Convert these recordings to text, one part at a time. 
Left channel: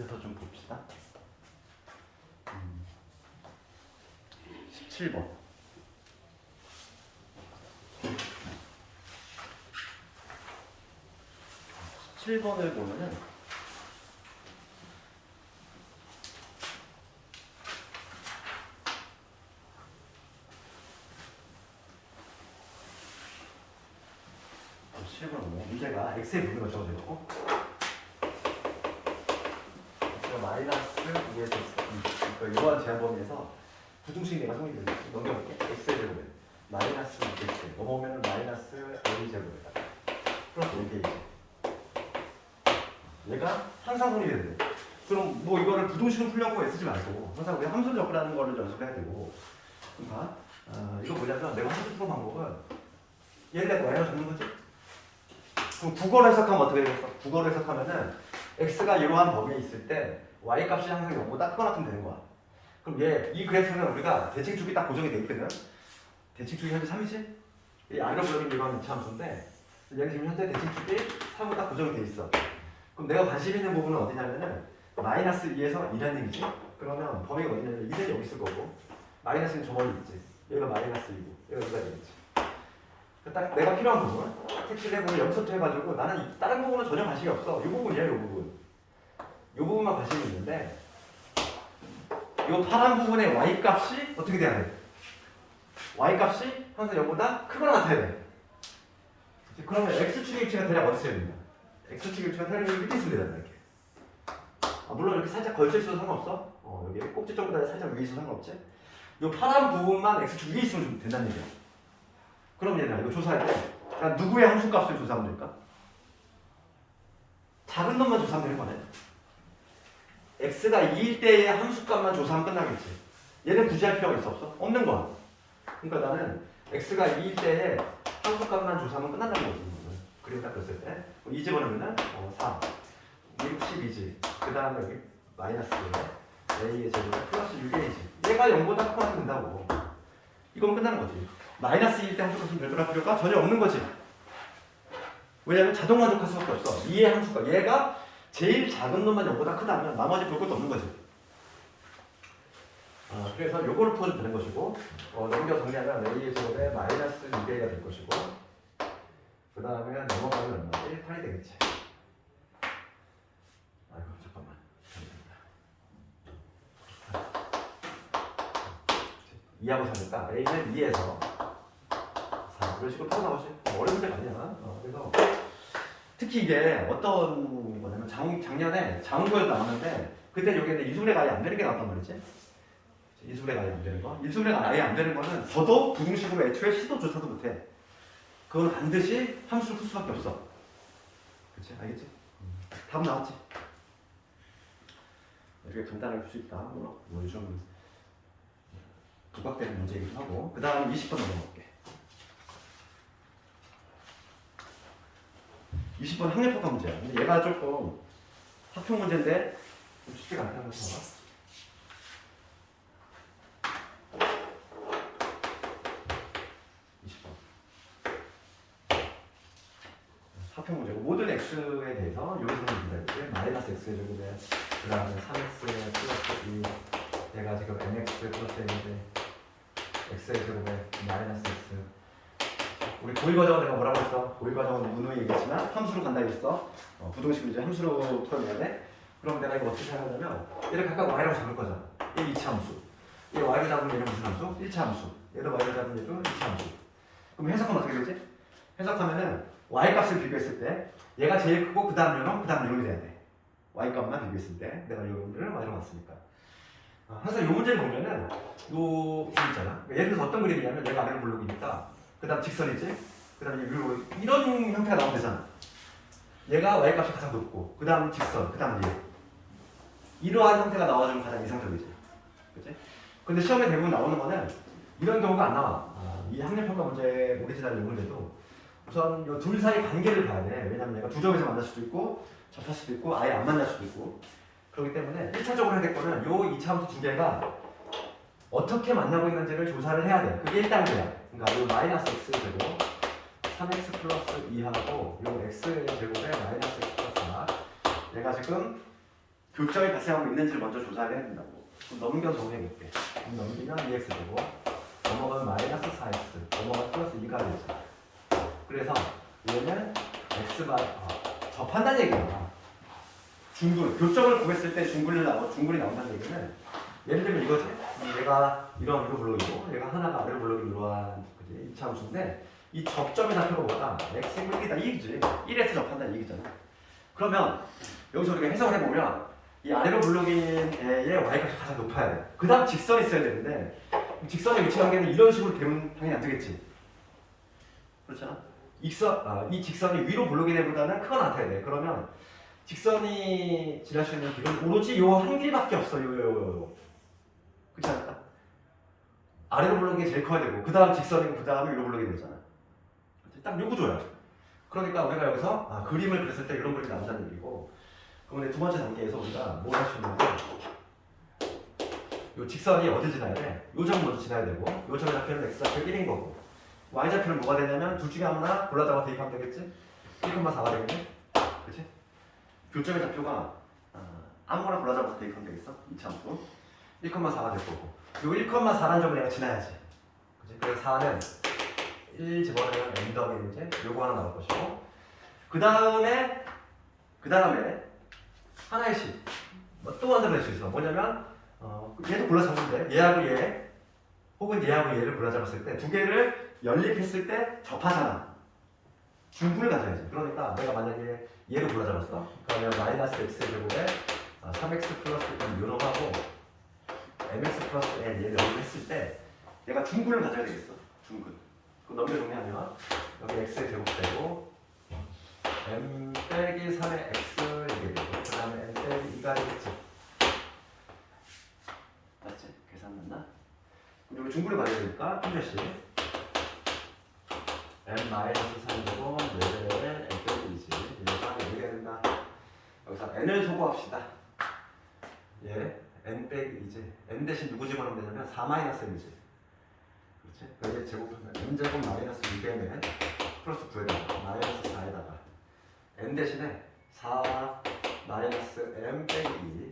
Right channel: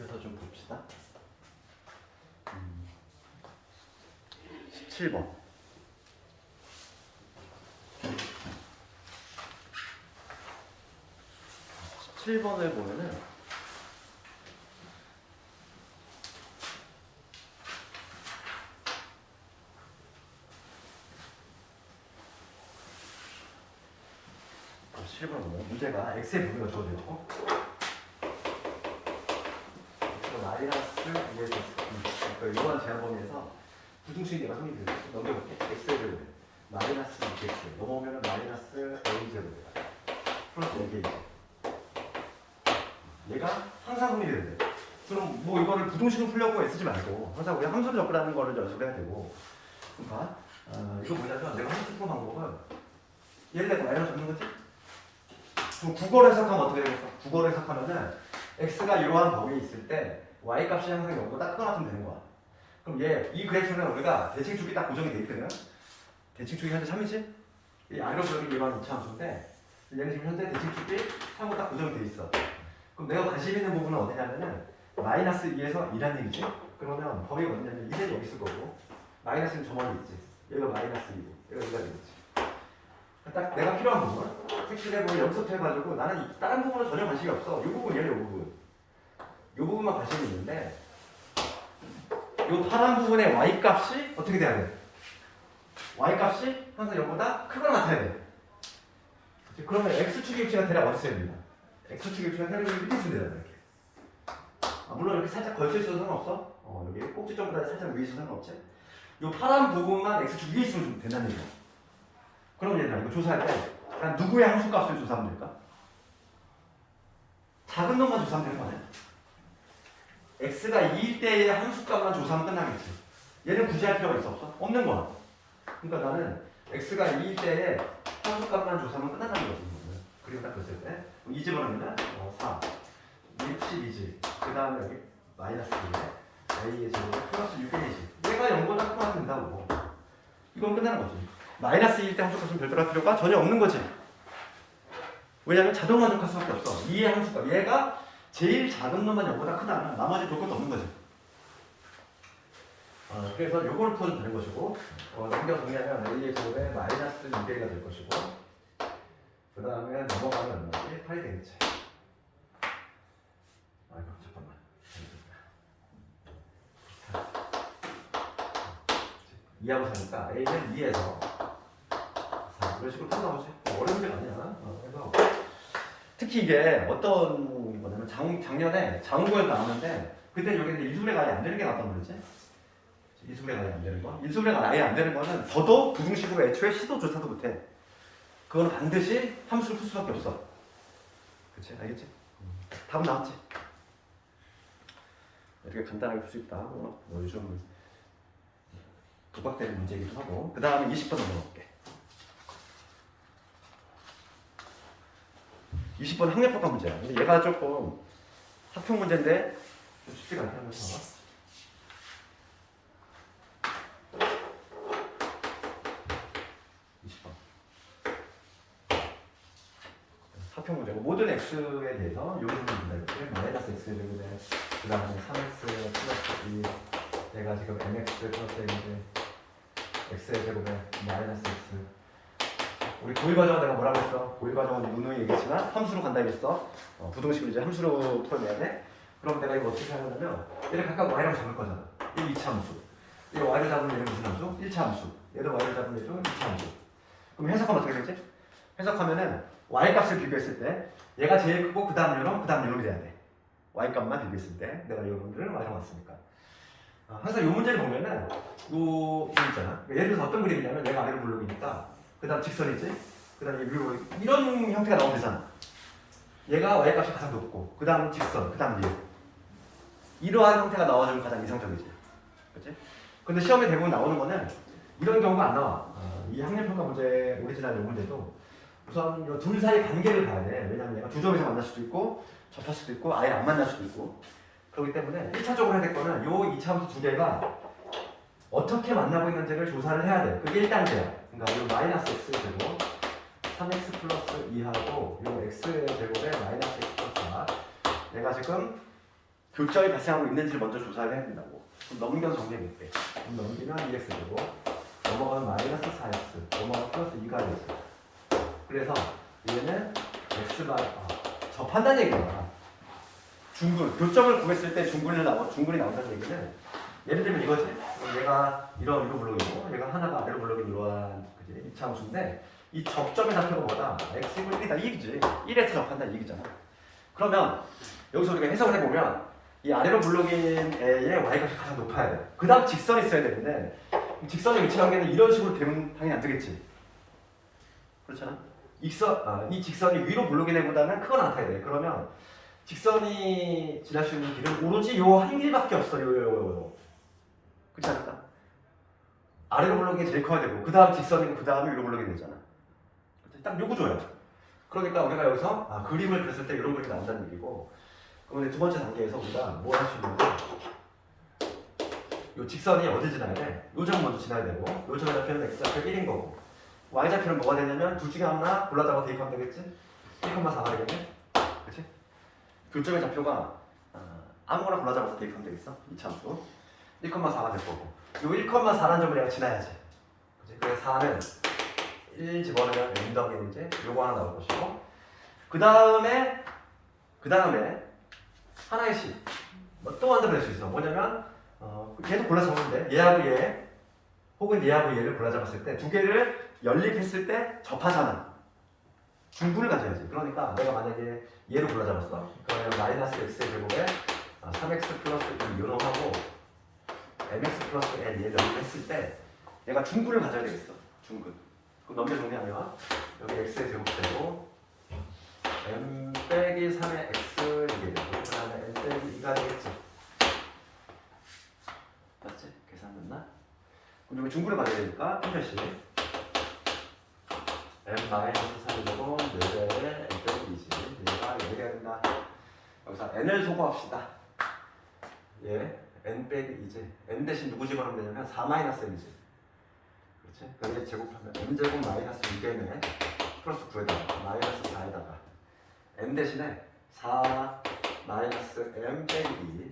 이어서 좀 봅시다. 17번. 17번을 보면은 문제가 x의 부분이 주어져 있고 마이너스 2에 있어. 이러한 제한 범위에서 부등식 내가 성립이 넘겨볼게. x의 부분 마이너스 2x 넘어오면은 마이너스 a 제곱이다. 플러스 5개 얘가 항상 성립이 된대. 그럼 뭐 이거를 부등식을 풀려고 애쓰지 말고 항상 우리가 함수를 접근하는 거를 연습해야 되고. 그러니까 이거 뭐냐면 내가 함수 풀 방법은 얘를 내가 y로 잡는 거지. 그럼 국어로 해석하면 어떻게 되겠어? 국어로 해석하면은 x가 이러한 범위에 있을 때 y 값이 항상 0보다 크거나 같으면 되는 거야. 그럼 이 그래프는 우리가 대칭축이 딱 고정이 돼 있거든. 대칭축이 현재 3이지? 이 아래로 그려진 이러한 이차함수인데 얘는 지금 현재 대칭축이 3으로 딱 고정이 돼 있어. 그럼 내가 관심 있는 부분은 어디냐면은 마이너스 2에서 2라는 얘기지? 그러면 범위가 어디냐면 2는 여기 있을 거고 마이너스는 저 멀리 있지. 얘가 마이너스 2고 얘가 2가 되겠지. 딱 내가 필요한 부분 색칠해보고 여기서부터 해가지고 나는 다른 부분은 전혀 관심이 없어. 이 부분이에요. 이 부분. 이 부분만 관심이 있는데 이 파란 부분의 y값이 어떻게 돼야 돼? y값이 항상 0보다 크거나 같아야 돼. 그치? 그러면 x축의 위치가 대략 어디 있어야 되나? x축의 위치가 대략 여기 밑에 있으면 되잖아. 이렇게. 물론 이렇게 살짝 걸쳐 있어도 상관없어. 여기 꼭지점보다 살짝 위에 있어도 상관없지. 이 파란 부분만 x축 위에 있으면 된다는 얘기야. 그럼 얘들아 이거 조사할 때 난 누구의 함수값을 조사하면 될까? 작은 놈만 조사하면 되는 거 아니야? x가 2일 때의 함수값만 조사하면 끝나겠지. 얘는 굳이 할 필요가 있어 없어? 없는 거야. 그러니까 나는 x가 2일 때의 함수값만 조사하면 끝난다는 거지. 그리고 딱 됐을 때 2 집어넣으면 4 62지. 그 다음에 여기 마이너스 1에 a의 제곱 플러스 6a지. 얘가 0보다 크면 된다고. 이건 끝나는 거지. 마이너스 2일 때 함수값은 별도로 할 필요가 전혀 없는 거지. 왜냐하면 자동 만족할 수밖에 없어. 2의 함수값. 얘가 제일 작은 놈만 0보다 크다면 나머지 볼 것도 없는 거지. 그래서 요거를 풀어주면 되는 것이고 넘겨 정리하면 a의 제곱에 마이너스 2배가 될 것이고 그 다음에 넘어가면 얼마지? 8이 되겠지. 아이고 잠깐만. 이하고 4니까 a는 2에서 이런 식으로 풀어 나오지. 어려운 문제가 아니야. 그래서 특히 이게 어떤 거냐면 작년에 자원고에도 나왔는데 그때 여기에 이수분해가 아예 안 되는 게 나왔단 말이지. 이수분해가 아예 안 되는 거. 이수분해가 아예 안 되는 거는 더더욱 부등식으로 애초에 시도조차도 못해. 그건 반드시 함수를 풀 수밖에 없어. 그치? 알겠지? 답은 나왔지? 이렇게 간단하게 풀 수 있다. 뭐 요즘 부각되는 문제이기도 하고. 그 다음에 20번 넘어갈게. 20번 학력평가 문제야. 근데 얘가 조금 학평 문제인데 좀 쉽지가 않다는 거지. 봐봐. 20번. 학평 문제고 모든 x에 대해서 여기서 문제가 있지. 마이너스 x 제곱에 그 다음에 3x 플러스 2 얘가 지금 mx 플러스 1인데 x의 제곱에 마이너스 x 우리 고일 과정은 내가 뭐라고 했어? 고일 과정은 누누이 얘기했지만 함수로 간다 했어. 부등식을 이제 함수로 풀어내야 돼. 그럼 내가 이거 어떻게 하냐면 얘를 각각 y라고 잡을 거잖아. 얘 2차 함수. 얘 y로 잡으면 얘는 무슨 함수? 1차 함수. 얘도 y로 잡으면 얘도 2차 함수. 그럼 해석하면 어떻게 되지? 해석하면은 y 값을 비교했을 때 얘가 제일 크고 그 다음 요놈, 그 다음 요놈이 돼야 돼. y 값만 비교했을 때 내가 요놈들을 y로 봤으니까. 항상 이 문제를 보면은 요 있잖아. 예를 들어서 어떤 그림이냐면 얘가 아래로 블록이니까 그 다음 직선이지? 그 다음에 위로 이런 형태가 나오면 되잖아. 얘가 y값이 가장 높고 그 다음 직선, 그 다음 얘 이러한 형태가 나오면 가장 이상적이지. 그치? 근데 시험에 대부분 나오는 거는 이런 경우가 안 나와. 이 학력평가 문제 오리지널 요 문제도 우선 요 둘 사이 관계를 봐야 돼. 왜냐면 얘가 두 점에서 만날 수도 있고 접할 수도 있고 아예 안 만날 수도 있고 그렇기 때문에 1차적으로 해야 될 거는 요 2차 함수 두 개가 어떻게 만나고 있는지를 조사를 해야 돼. 그게 1단계야. 그러니까 요 마이너스 x 제곱 3x 플러스 2하고 요 x의 제곱에 마이너스 x 플러스 4 얘가 지금 교점이 발생하고 있는지를 먼저 조사를 해야 된다고. 그럼 넘겨 정리해볼게. 넘기면 2x 되고 넘어가면 마이너스 4x 넘어가면 플러스 2가 되지. 그래서 얘는 x바 접한다는 얘기야. 중근 교점을 구했을 때 중근이 나온다는 얘기는 예를 들면 이거지. 얘가 이런 위로 블록이고 얘가 하나가 아래로 블록인 이러한 그지 이차함수인데 이 접점의 좌표가 뭐다? x 이퀄 1이다. 1이지. 1에서 접한다는 얘기잖아. 그러면 여기서 우리가 해석을 해보면 이 아래로 블록인 애의 y값이 가장 높아야 돼. 그 다음 직선이 있어야 되는데 직선의 위치 관계는 이런 식으로 되면 당연히 안 되겠지. 그렇잖아. 이 직선이 위로 블록인 애보다는 크거나 같아야 돼. 그러면 직선이 지날 수 있는 길은 오로지 요 한 길밖에 없어요. 그렇지 않을까? 아래로 블록이 제일 커야 되고 그 다음 직선이고 그 다음에 위로 블록이 되잖아. 딱 요 구조야. 그러니까 우리가 여기서 그림을 그렸을 때 이런 그림이 나온다는 얘기고 그럼 두 번째 단계에서 우리가 뭘 할 수 있냐면 요 직선이 어디 지나야 돼? 요 점 먼저 지나야 되고 요 점의 좌표는 x좌표 1인 거고 y 좌표는 뭐가 되냐면 둘 중에 하나 골라다가 대입하면 되겠지? 1,4가 되겠지? 그치? 교점의 좌표가 아무거나 골라잡아서 대입하면 되겠어? 이차함수 1,4가 될 거고 그리고 1,4라는 점을 내가 지나야지. 그치? 그래서 4는 1 집어넣으면 n 더하기 이제 요거 하나 나올 것이고 그 다음에 하나의 식 또 만들어낼 수 있어. 뭐냐면 얘도 골라잡는데 얘하고 얘 혹은 얘하고 얘를 골라잡았을 때 두 개를 연립했을 때 접하잖아. 중분을 가져야지. 그러니까 내가 만약에 얘를 골라잡았어. 그러면 마이너스 x의 제곱에 3x 플러스 2 요놈하고 mx 플러스 n 얘를 연립했을 때 얘가 중분을 가져야 되겠어. 중분. 그 넘겨 정리하면 여기 x의 제곱 되고 m 빼기 3의 x 이게 되고 그 다음에 n 빼기 2가 되겠지. 맞지? 계산 맞나? 그리고 중분을 가져야 되니까 한 표씩 n 마이너스 3이 되고 4배의 n 빼기 2지. 얘가 얘가 된다. 여기서 n을 소거합시다. 얘 n 빼기 2지. n 대신 누구 집어넣으면 되냐면 4 마이너스 n이지. 그렇지? 그래서 제곱하면 n제곱 마이너스 2개는 플러스 9에다가 마이너스 4에다가 n 대신에 4 마이너스 m 빼기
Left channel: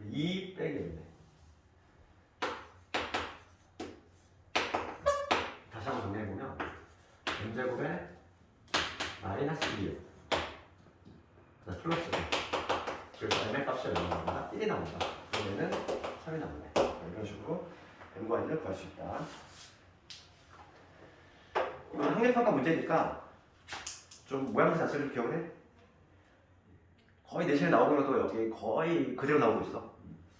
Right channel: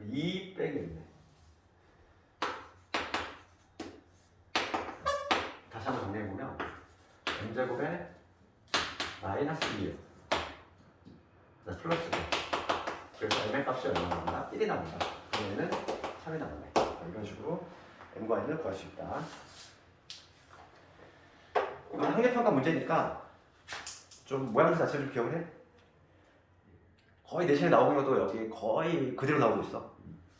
2 빼기 1네. 다시 한번 정리해보면 n제곱에 마이너스 2 플러스 1 그래서 m의 값이 얼마 나온다? 1이 나온다. 그러면은 3이 나온다. 이런 식으로 m과 n을 구할 수 있다. 이건 학력평가 문제니까 좀 모양새 자체를 좀 기억을 해. 거의 내신에 나오는 것도 여기 거의 그대로 나오고 있어.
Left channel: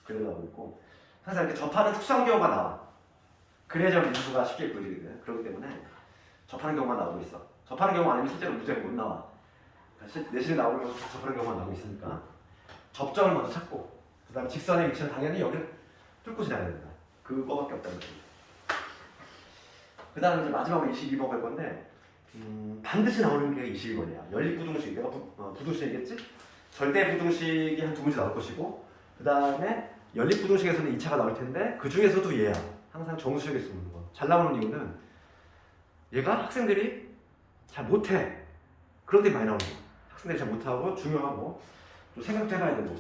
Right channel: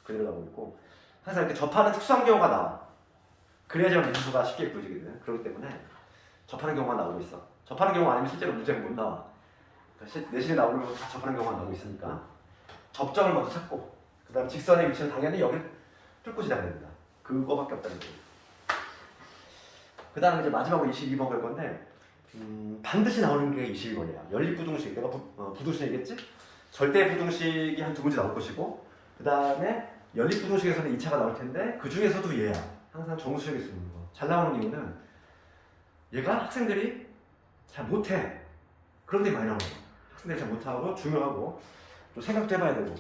그대로 나오고 있고 항상 이렇게 접하는 특수한 경우가 나와. 그래야지 문수가 쉽게 구해지거든. 그렇기 때문에 접하는 경우가 나오고 있어. 접하는 경우가 아니면 실제로 문제가 못 나와. 내신에 나오는 것도 다 접하는 경우가 나오고 있으니까 접점을 먼저 찾고 그 다음 직선의 위치는 당연히 여기를 뚫고 지나가야 된다. 그거밖에 없다는 거지. 그 다음에 이제 마지막으로 22번 볼 건데 반드시 나오는 게 22번이야. 연립부등식. 내가 부등식 얘기했지? 절대 부등식이 한 두 문제 나올 것이고 그 다음에 연립부등식에서는 2차가 나올 텐데 그 중에서도 얘야. 항상 정수식일 수 있는 거. 잘 나오는 이유는 얘가 학생들이 잘 못해. 그런 데 많이 나오는 거. 학생들이 잘 못하고 중요하고 좀 생각도 해봐야 되고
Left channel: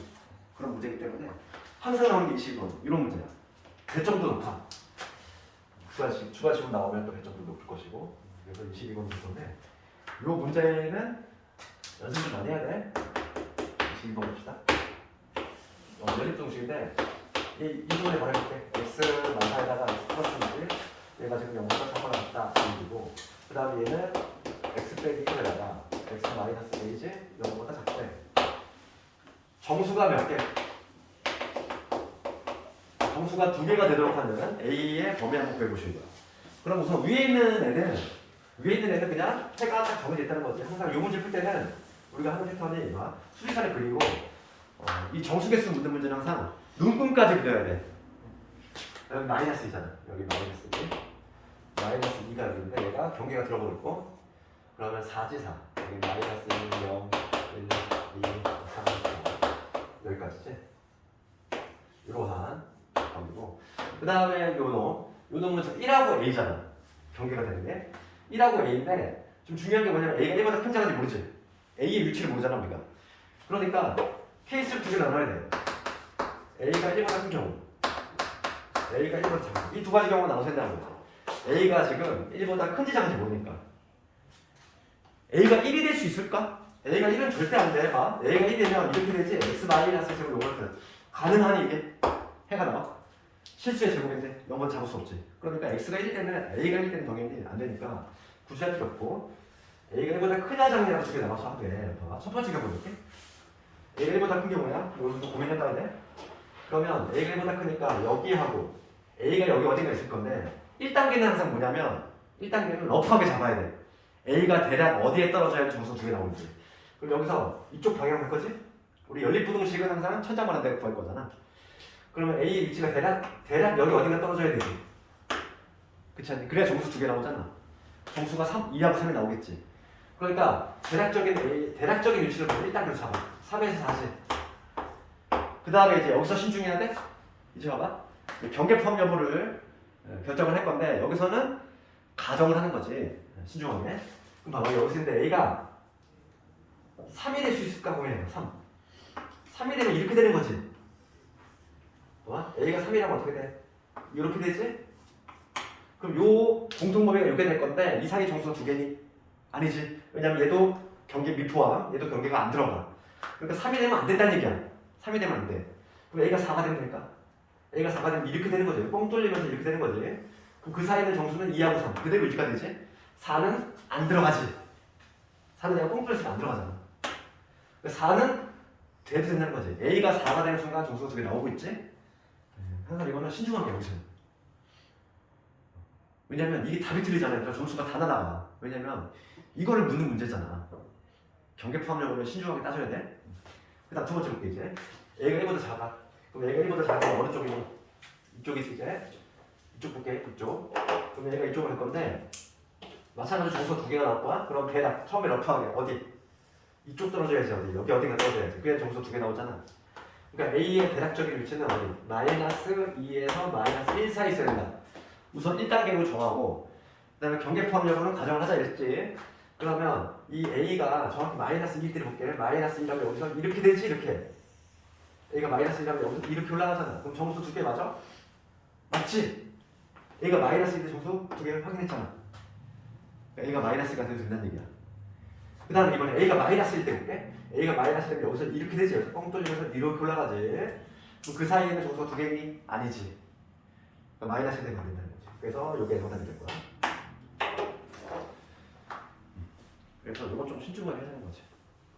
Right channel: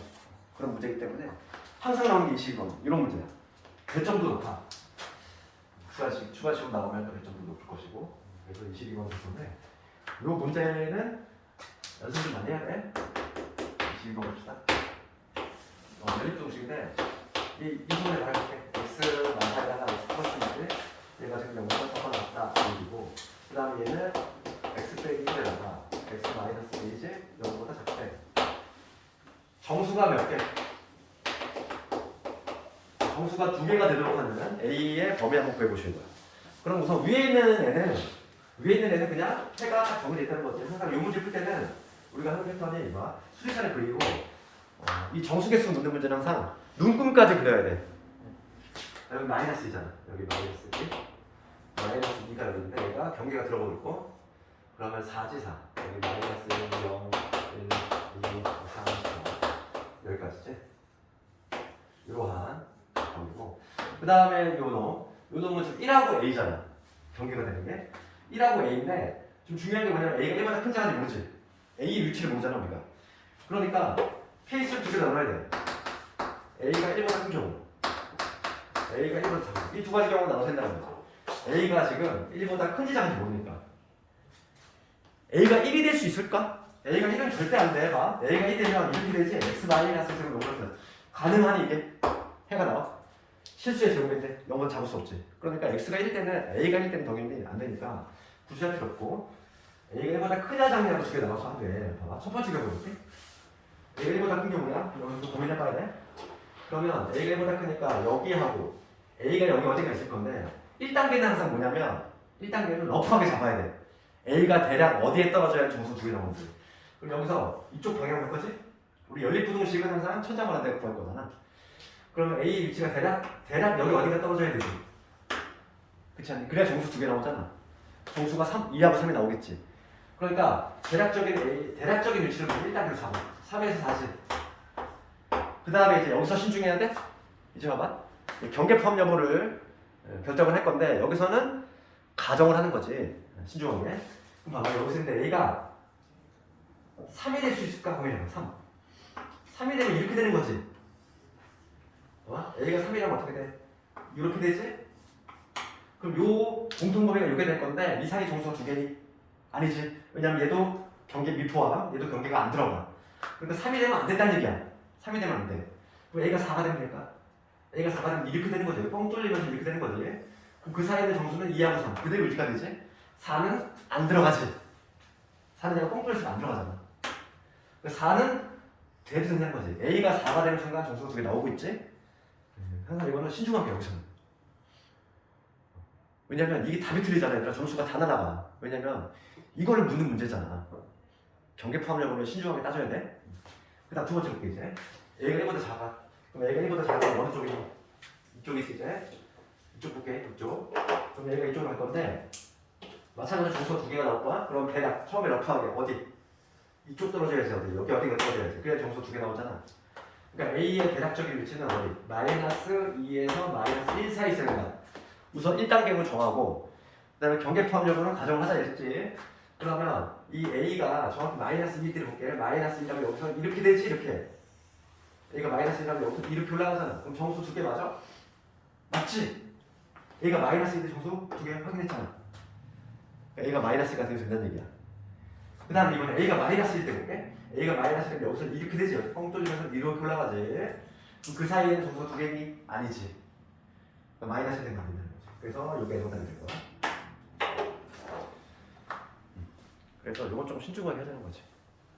그런 문제이기 때문에 항상 나오는 게 22번. 이런 문제야. 배점도 높아. 추가식으로 나오면 또 배점도 높을 것이고 그래서 22번 정도인데 이 문제는 연습 좀 많이 해야 돼. 22번 봅시다. 연립동식인데 이 부분에 말해볼게. x 마사에다가 x 플러스인지 얘가 지금 0보다 작거나 같다 얘기고 그 다음에 얘는 x 빼기 1에다가 x 마이너스 1이지 0보다 작대. 정수가 몇 개? 정수가 2개가 되도록 하는 A의 범위 한번 구해보시는 거야. 그럼 우선 위에 있는 애는 그냥 해가 딱 정해져 있다는 거지. 항상 이 문제 풀 때는 우리가 하는 패턴이 수직선을 그리고 이 정수개수 묻는 문제는 항상 눈금까지 그려야 돼. 여기 마이너스 2잖아. 여기 마이너스 2. 마이너스 2가 여기 있는데 얘가 경계가 들어가고 있고 그러면 4지 4. 여기 마이너스 0, 1, 2, 3, 4 여기까지지. 이러한 경계고 그 다음에 요놈은 지금 1하고 A잖아. 경계가 되는 게 1하고 A인데 좀 중요한 게 뭐냐면 A가 1보다 큰지 작은지 모르지. A의 위치를 모르잖아 우리가. 그러니까 케이스를 두 개 넣어놔야 돼. A가 1보다 큰 경우, A가 1보다 작은 경우. 이 두 가지 경우가 나눠서 한다는 거지. A가 지금 1보다 큰지 작은지 모르니까. A가 1이 될 수 있을까? A가 1은 절대 안 돼. 봐. A가 1이 되면 이렇게 되지. X 마이너스 제곱 0보다 가능하니 이게? 해가 나와? 실수의 제곱인데 0보다 작을 수 없지. 그러니까 X가 1일 때는 A가 1일 때는 당연히 안 되니까 굳이 할 필요 없고 A가 1보다 크냐 작냐로 두 개 나눠서 하면 돼. 봐봐. 첫 번째 경우 볼게. A가 1보다 큰 경우야. 여기서 또 고민해봐야 돼. 그러면 A가 1보다 크니까 여기하고 A가 여기 어딘가 있을 건데 1단계는 항상 뭐냐면 1단계는 러프하게 잡아야 돼. A가 대략 어디에 떨어져야 점수 두 개 나오는지. 그럼 여기서 이쪽 방향 할 거지? 우리 연립부등식은 항상 천장만한 데가 구할 거잖아. 그러면 A 위치가 대략 여기 어딘가 떨어져야 되지. 그렇지 않니? 그래야 점수 두 개 나오잖아. 점수가 3, 2하고 3이 나오겠지. 그러니까 대략적인 위치를 보면 1단계로 잡아. 3에서 40. 그 다음에 이제 여기서 신중해야 돼? 이제 봐봐. 경계 포함 여부를 결정을 할 건데 여기서는 가정을 하는 거지. 신중하게. 그럼 봐봐. 여기서 근데 A가 3이 될 수 있을까 고민해봐. 3이 되면 이렇게 되는 거지. 봐? A가 3이라면 어떻게 돼? 이렇게 되지? 그럼 요 공통범위가 이렇게 될 건데 이상의 정수가 두 개니? 아니지. 왜냐면 얘도 경계 미포함, 얘도 경계가 안 들어가. 그러니까 3이 되면 안 된다는 얘기야. 3이 되면 안 돼. 그럼 A가 4가 되면 될까? A가 4가 되면 이렇게 되는 거지. 뻥 뚫리면서 이렇게 되는 거지. 그럼 그 사이에 있는 정수는 2하고 3. 그대로 유지가 되지? 4는 안 들어가지. 4는 내가 뻥 뚫렸으면 안 들어가잖아. 4는 돼도 된다는 거지. A가 4가 되는 순간 정수가 두 개 나오고 있지? 항상 이거는 신중하게 여기서는. 왜냐면 이게 답이 틀리잖아. 얘들아. 점수가 다 날아가. 왜냐면 이거를 묻는 문제잖아. 경계 포함력으로 신중하게 따져야 돼. 그 다음 두 번째 볼게 이제. A가 1보다 작아. 그럼 A가 1보다 작으면 어느 쪽이니? 이쪽이 이제. 이쪽 볼게. 이쪽. 그럼 A가 이쪽을 할 건데 마찬가지로 점수가 두 개가 나올 거야. 그럼 대략 처음에 러프하게 어디? 이쪽 떨어져야지 어디? 여기 어딘가 떨어져야지. 그래야 점수 두 개 나오잖아. 그러니까 A의 대략적인 위치는 어디? 마이너스 2에서 마이너스 1 사이 있어야 된다. 우선 1단계로 정하고 그 다음에 경계 포함력으로는 가정을 하자 이랬지. 그러면 이 A가 정확히 마이너스 2일 때 볼게. 마이너스 1이라면 여기서 이렇게 되지 이렇게. A가 마이너스 1이라면 여기서 이렇게 올라가잖아. 그럼 점수 두 개 맞아? 맞지? A가 마이너스 1때 점수 두 개 확인했잖아. 그러니까 A가 마이너스가 돼도 된다는 얘기야. 그 다음에 이번에 A가 마이너스 1때 볼게. A가 마이너스 1때 여기서 이렇게 되지. 여기서 뻥 뚫리면서 이렇게 올라가지. 그럼 그 사이에는 점수가 두 개니? 아니지. 그러니까 마이너스 1 되면 안 된다는 거지. 그래서 요게 정답이 될 거야. 그래서 이건 좀 신중하게 해야 되는 거지.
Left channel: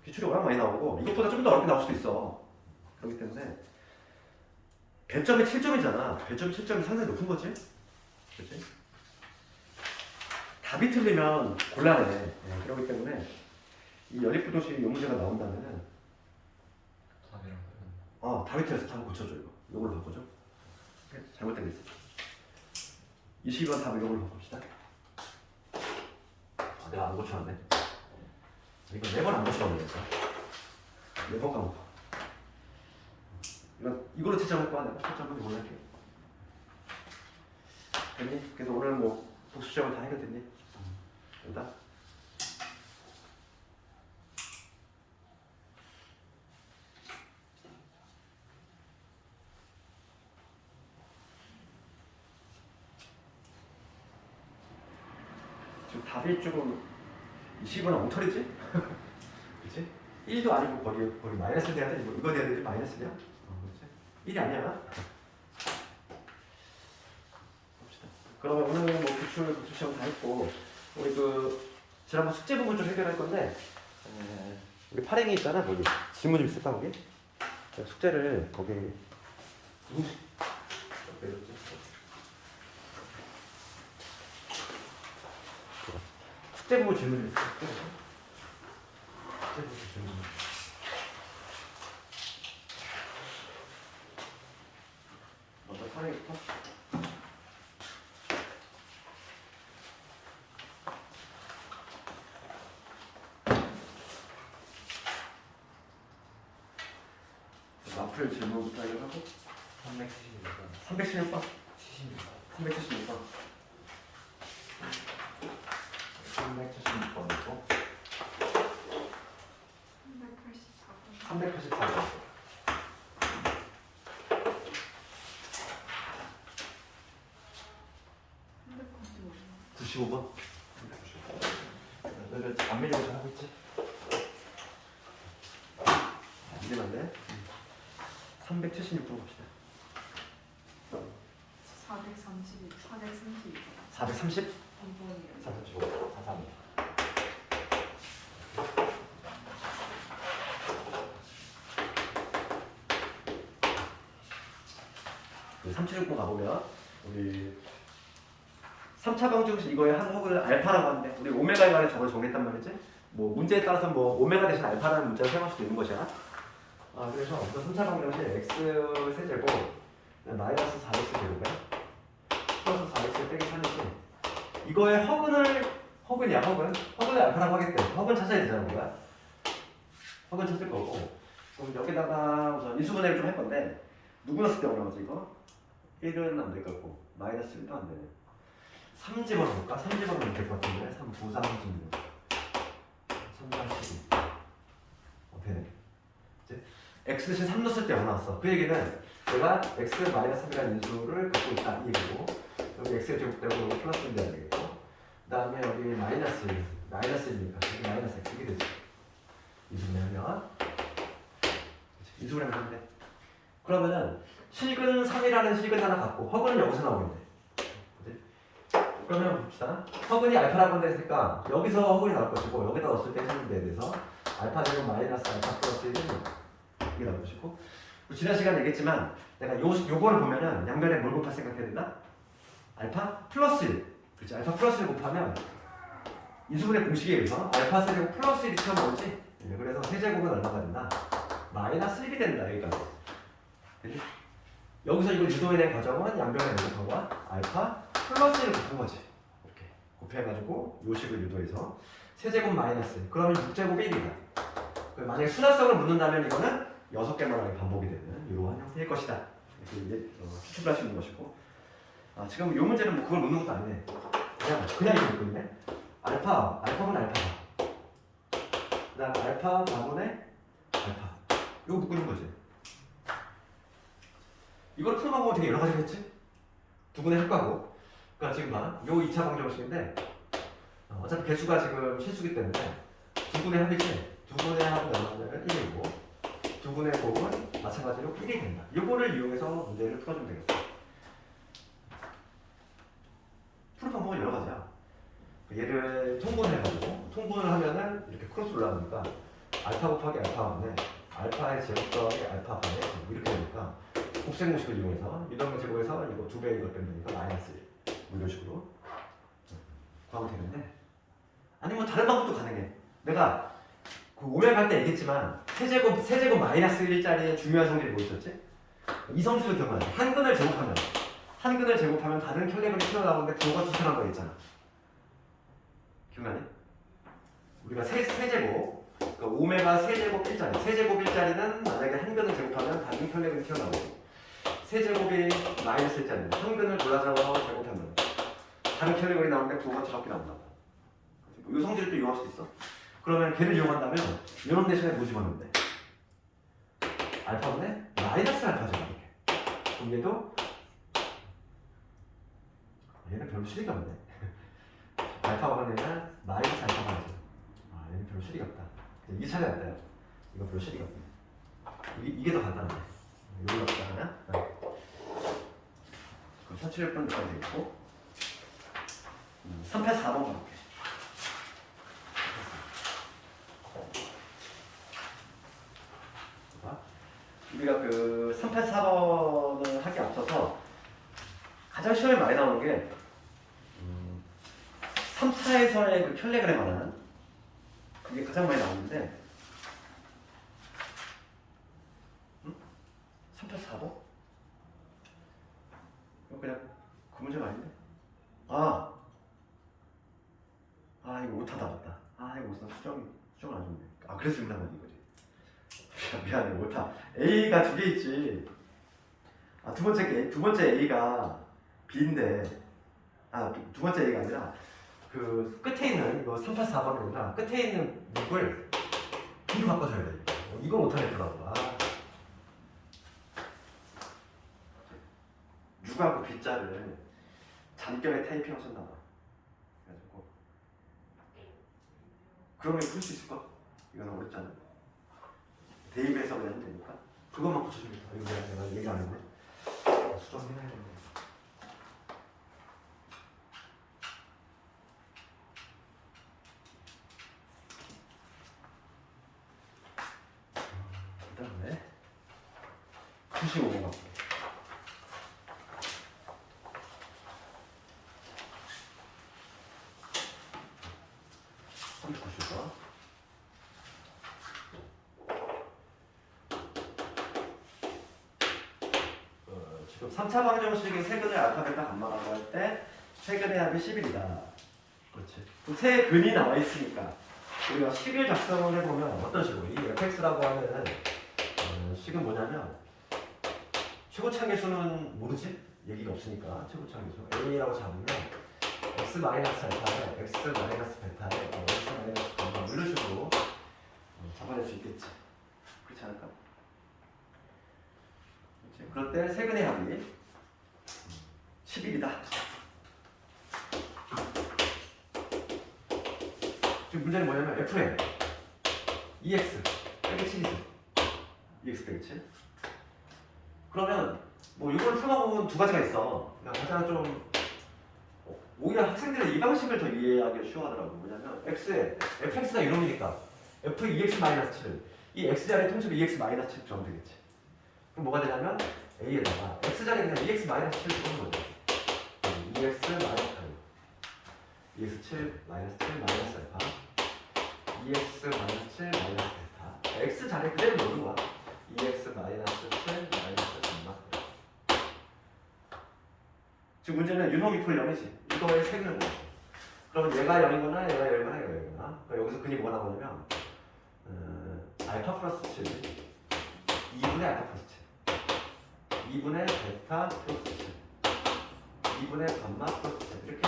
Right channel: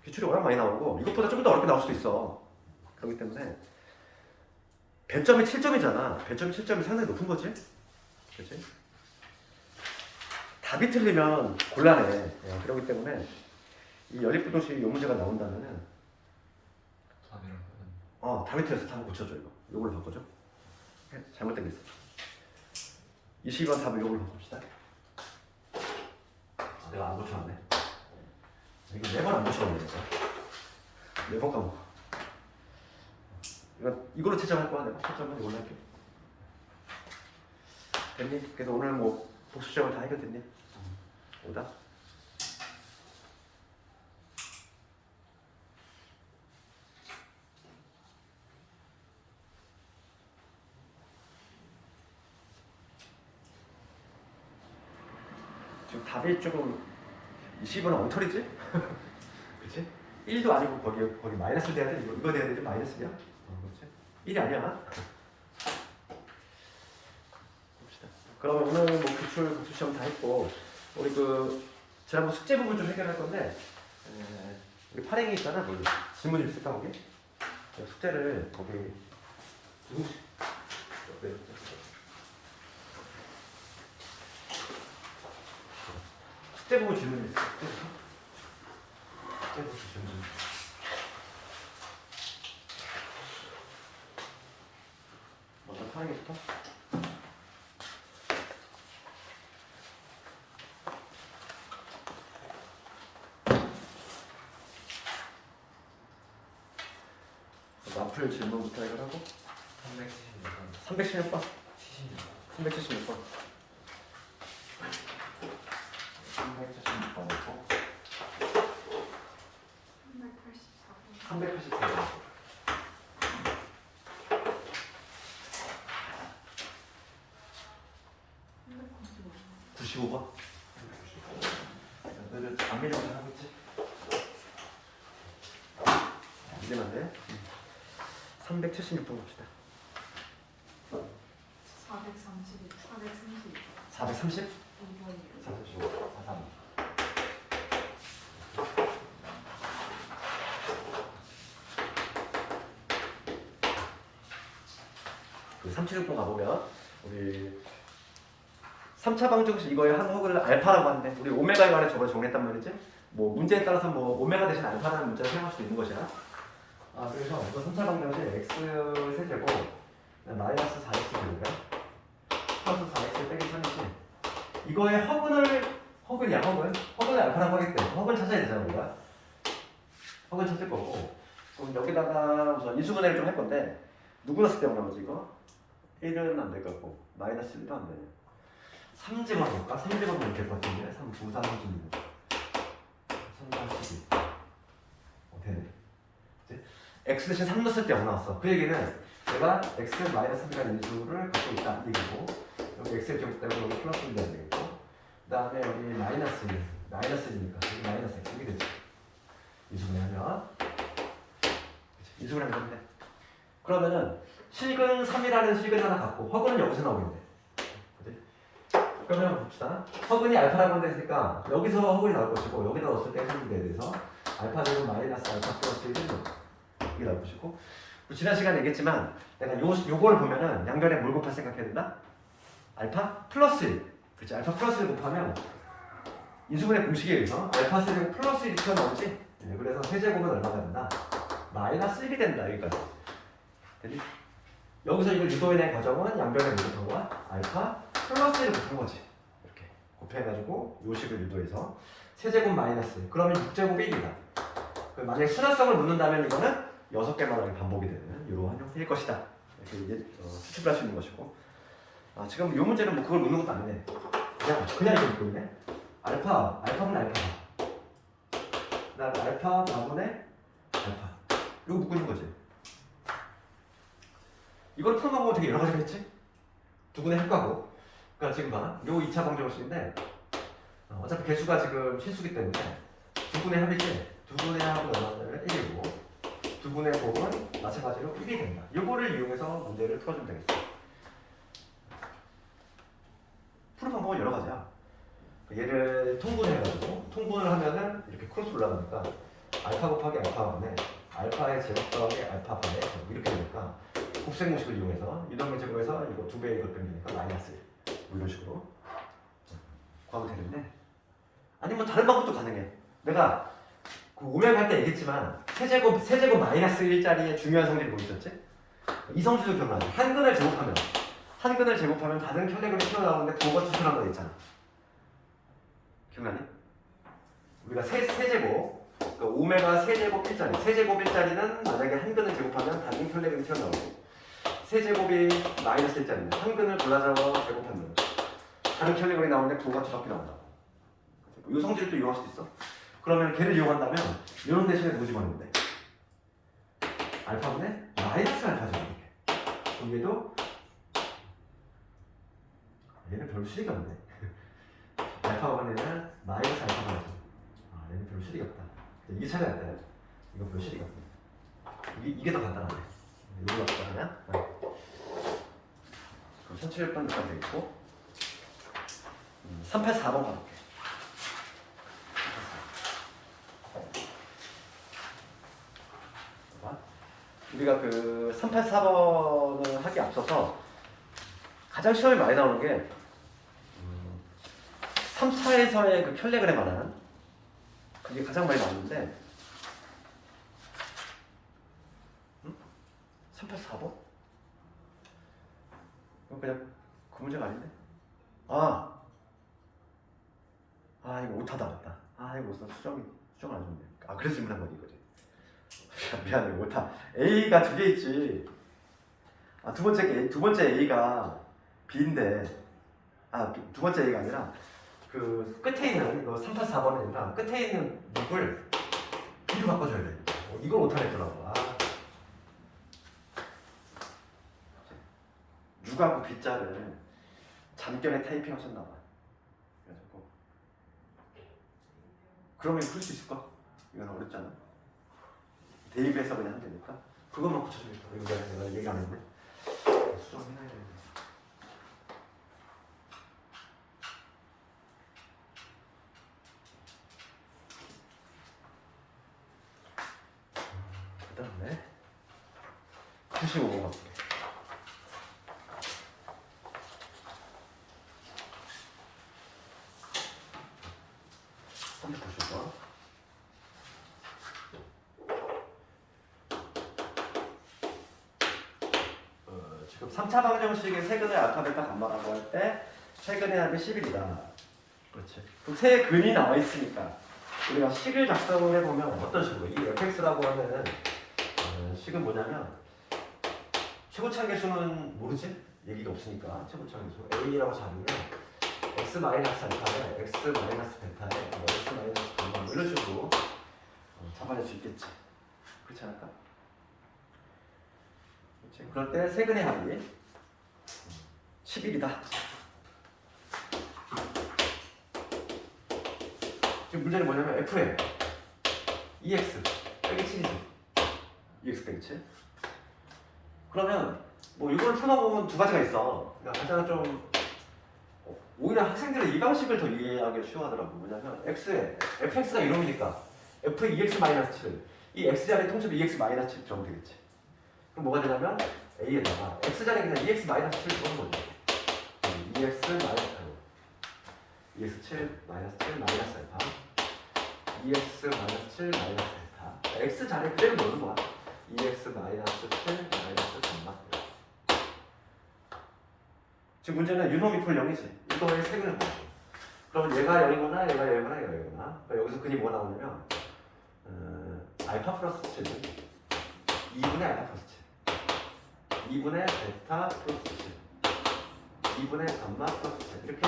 기출이 워낙 많이 나오고 이것보다 좀 더 어렵게 나올 수도 있어. 그렇기 때문에 배점이 7점이잖아. 배점이 7점이 상당히 높은 거지. 그렇지? 답이 틀리면 곤란해. 그렇기 때문에 이 연립부등식 요 문제가 나온다면은 답이 틀려서 답을 고쳐줘 이거. 요걸로 바꿔줘. 잘못된 게 있어. 20번 답을 요걸로 바꿉시다. 내가 안 고쳐놨네. 이거 4번 안 고쳐놨네. 4번 까먹어. 이걸로 채점할 거야. 내가 채점은 이걸로 할게. 됐니? 그래서 오늘 뭐 복습점을 다 해결됐니? 오다? 지금 답이 조금 20은 엉터리지? 그치? 1도 아니고 거기 마이너스 돼야 돼? 이거 돼야 되지? 마이너스야? 그렇지? 1이 아니야. 봅시다. 그러면 오늘 뭐 기출 복습시험 다 했고 우리 그 지난번 숙제 부분 좀 해결할 건데 우리 파랭이 있잖아. 거기 질문 좀 쓸까 거기? 숙제를 거기 숙제 부분 질문 좀 쓸까? 숙제 부분 질문. 먼저 파랭이부터. 앞을 질문부터 하고 376번 376번 384번 395번. 너희들 안 밀리고 잘 하겠지? 이게 맞네. 376번 봅시다. 432, 432. 430? 2번이요. 435, 43. 그 376번 가보면 우리 3차 방정식 이거의 한 허그를 알파라고 하는데 우리 오메가에 관해 저걸 정했단 말이지. 뭐 문제에 따라서 뭐 오메가 대신 알파라는 문자를 사용할 수도 있는 것이야. 아 그래서 또 3차 방정식 x 세제곱 마이너스 4x 제곱에 플러스 4x 빼기 3이지 이거의 허근이야 허근을 알파라고 하기 때문에 허근 찾아야 되잖아 우리가 허근 찾을 거고 그럼 여기다가 우선 인수분해를 좀 할 건데 누구 넣었을 때 어려워지 이거? 1은 안 될 것 같고 마이너스 1도 안 되네. 3집어 볼까? 3집어 보면 될 것 같은데 3, 9, 3, 3, 3, 8, 12 되네 그치? x 대신 3 넣었을 때 0 나왔어 그 얘기는 내가 x 마이너스 3이라는 인수를 갖고 있다 이 얘기고 여기 x의 제곱되고 여기 플러스 1이 안 되겠고 그 다음에 여기 마이너스 1이니까 여기 마이너스 x 이게 되지 인수분해하면 인수분해 하면 돼. 그러면은 실근 3이라는 실근 하나 갖고 허근은 여기서 나오겠네 그치? 그러면 봅시다 허근이 알파라고 했으니까 여기서 허근이 나올 것이고 여기다 넣었을 때 해석문제에 대해서 알파 제곱 마이너스 알파 플러스 1은 이게 나올 것이고 지난 시간에 얘기했지만 내가 요거를 보면은 양변에 뭘 곱할 생각해야 된다? 알파 플러스 1 그렇지 알파 플러스 1 곱하면 인수분해 공식에 의해서 알파 세제곱 플러스 1이 튀어나오지 네, 그래서 세제곱은 얼마가 된다? 마이너스 1이 된다 여기까지 되지? 여기서 이걸 유도해낸 과정은 양변에 뭘 곱한 거야? 알파 플러스 1을 곱한 거지 이렇게 곱해가지고 요식을 유도해서 세제곱 마이너스 1 그러면 6제곱 1이다 만약에 순환성을 묻는다면 이거는 6개만에 반복이 되는 이러한 형태일 것이다 이렇게 이제 추측할 수 있는 것이고 지금 이 문제는 뭐 그걸 묻는 것도 아니네 그냥 이거 묻고 있네 알파분 알파다 그 다음에 알파 반분의 알파 이거 묻고 있는 거지 이걸 푸는 방법은 되게 여러 가지가 있지 두분의 합과고 그러니까 지금 봐 요 2차 방정식인데 어차피 개수가 지금 실수기 때문에 두분의 합이지 두분의 합은 얼마냐면 1이고 두분의 곱은 마찬가지로 1이 된다 요거를 이용해서 문제를 풀어주면 되겠어 푸는 방법은 여러 가지야 얘를 통분해가지고 통분을 하면은 이렇게 크로스 올라가니까 알파 곱하기 알파 분의 알파의 제곱 더하기 알파 분의 이렇게 되니까 곱셈 공식을 이용해서 유동의 제곱에서 이거 2배 이것 빼니까 마이너스 1 이런 식으로 구하면 되는데 아니면 다른 방법도 가능해 내가 그 오메가 할 때 얘기했지만 세제곱 마이너스 1짜리의 중요한 성질이 뭐 있었지? 이 성질을 기억나네 한근을 제곱하면 다른 혈액근이 튀어나오는데 그거 추천한 거 있잖아 기억나니? 우리가 세제곱 그러니까 오메가 세제곱 1짜리 세제곱 1짜리는 만약에 한 근을 제곱하면 다른 혈액근이 튀어나오고 세제곱이 마이너스 1짜리는 한 근을 골라서 제곱하면 다른 혈액근이 나오는데 그거가 저렇게 나온다 이 성질을 또 이용할 수도 있어 그러면 걔를 이용한다면 이런 대신에 뭐지 맞는 돼? 알파분의 마이너스 알파죠 이렇게 그럼 얘도 얘는 별로 실익이 없네 알파분에는 마이너스 알파가 있죠 얘는 별로 실익이 없다 이게 차이가 났다 이거 별로 실익이 없네 이게 더 간단하네 이걸로 어떻게 하냐? 그럼 1700번 까지 있고 384번 가볼게. 우리가 그 384번을 하기 앞서서 가장 시험에 많이 나오는 게 3차에서의 그 켤레그램 말하는 그게 가장 많이 나오는데 384번? 그냥 그 문제가 아닌데? 이거 오타다 맞다. 이거 수정을 안 줬네. 그래서 질문한 거지 이거지. 미안해 오타. A가 2개 있지. 두 번째 A가 B인데 두 번째 A가 아니라 그 끝에 있는 이거 384번은 아니라 끝에 있는 6을 B로 바꿔줘야 돼 이걸 못하겠더라고 6하고 B자를 잠결에 타이핑 하셨나봐. 그러면 풀 수 있을까? 이건 어렵잖아. 대입해서 그냥 하면 되니까. 그것만 고쳐주면 돼. 이거 내가 얘기 안 했네. 수정 해놔야 되는데. 그다음에 95번 같아. 지금 3차 방정식의 세근의 알파벳과 감마가 나올 때 세근의 합이 10이다. 그렇지. 그럼 세 근이 나와 있으니까 우리가 식을 작성을 해보면 어떤 식으로? 이 fx라고 하면은 식은 뭐냐면 최고차계수는 모르지? 얘기가 없으니까 최고차계수 a라고 잡으면 x 마이너스 알파에 x 마이너스 베타에 x 마이너스 감마 이런 식으로 잡아낼 수 있겠지. 그렇지 않을까? 그렇지. 그럴 때 세근의 합이 11이다. 지금 문제는 뭐냐면 f에 ex 빼기 7이지. EX 빼기 7. 그러면 뭐 이걸 풀어보면 두 가지가 있어. 그러니까 가장 좀 오히려 학생들은 이 방식을 더 이해하기 쉬워하더라고. 뭐냐면 x에 fx가 이놈이니까 f ex 마이너스 7을 이 x 자리에 통째로 ex 마이너스 7 적으면 되겠지. 그럼 뭐가 되냐면 a에다가 x 자리에 그냥 ex 마이너스 7 적는 거죠. ex 마이너스 ex 7 마이너스 7 마이너스 알파 ex 마이너스 7 마이너스 베타 x 자리에 그대로 넣는 거야. ex 마이너스 7 마이너스 감마. 지금 문제는 유놈이 풀 0이지. 이거에 세개는 거. 그럼 얘가 열거나 얘가 열거나 얘가 열거나. 그러니까 여기서 근이 뭐가 나오냐면 알파 플러스 7 2분의 알파 플러스 7 2분의 베타 플러스 7 2분의 감마 플러스 7 이렇게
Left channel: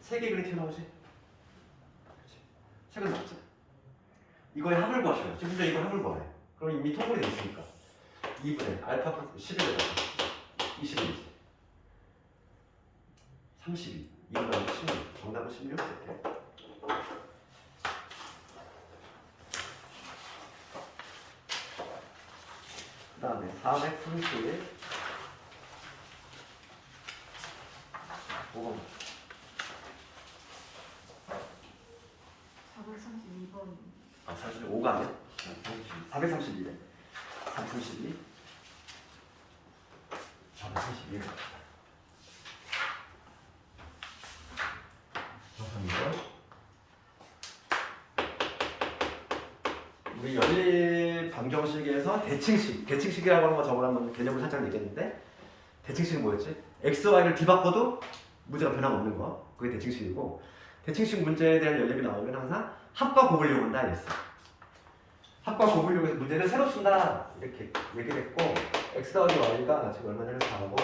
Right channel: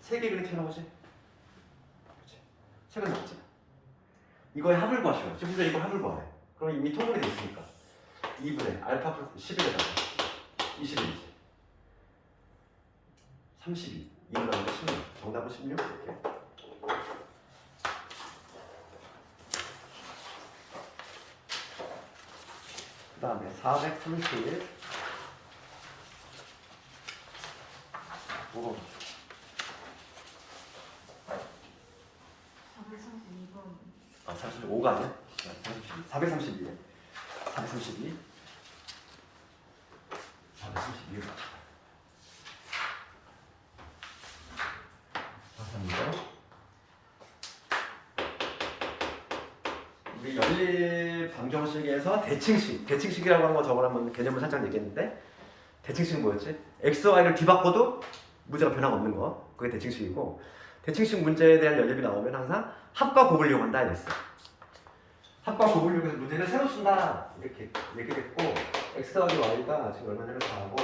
세 개 그렇게 해놓은 거지. 그렇지. 책은 맞지. 이거의 합을 구하시면 지금 문제 이거 합을 구하래. 그럼 이미 통분이 됐으니까 2분의 알파 플러스 11에다가 21이지. 32 2분의 16 정답은 16 이렇게. 그 다음에 430 5번 432번. 45가 아니야? 432에 432 432 432 우리 연립 방정식에서 대칭식이라고 하는 거 저번에 한번 개념을 살짝 얘기했는데 대칭식은 뭐였지? x, y를 뒤바꿔도 문제가 변함없는 거 그게 대칭식이고 대칭식 문제에 대한 연립이 나오면 항상 합과 곱을 이용한다 이랬어. 합과 곱을 이용해서 문제를 새로 쓴다 이렇게 얘기했고 x 더하기 y가 지금 얼마냐면 4하고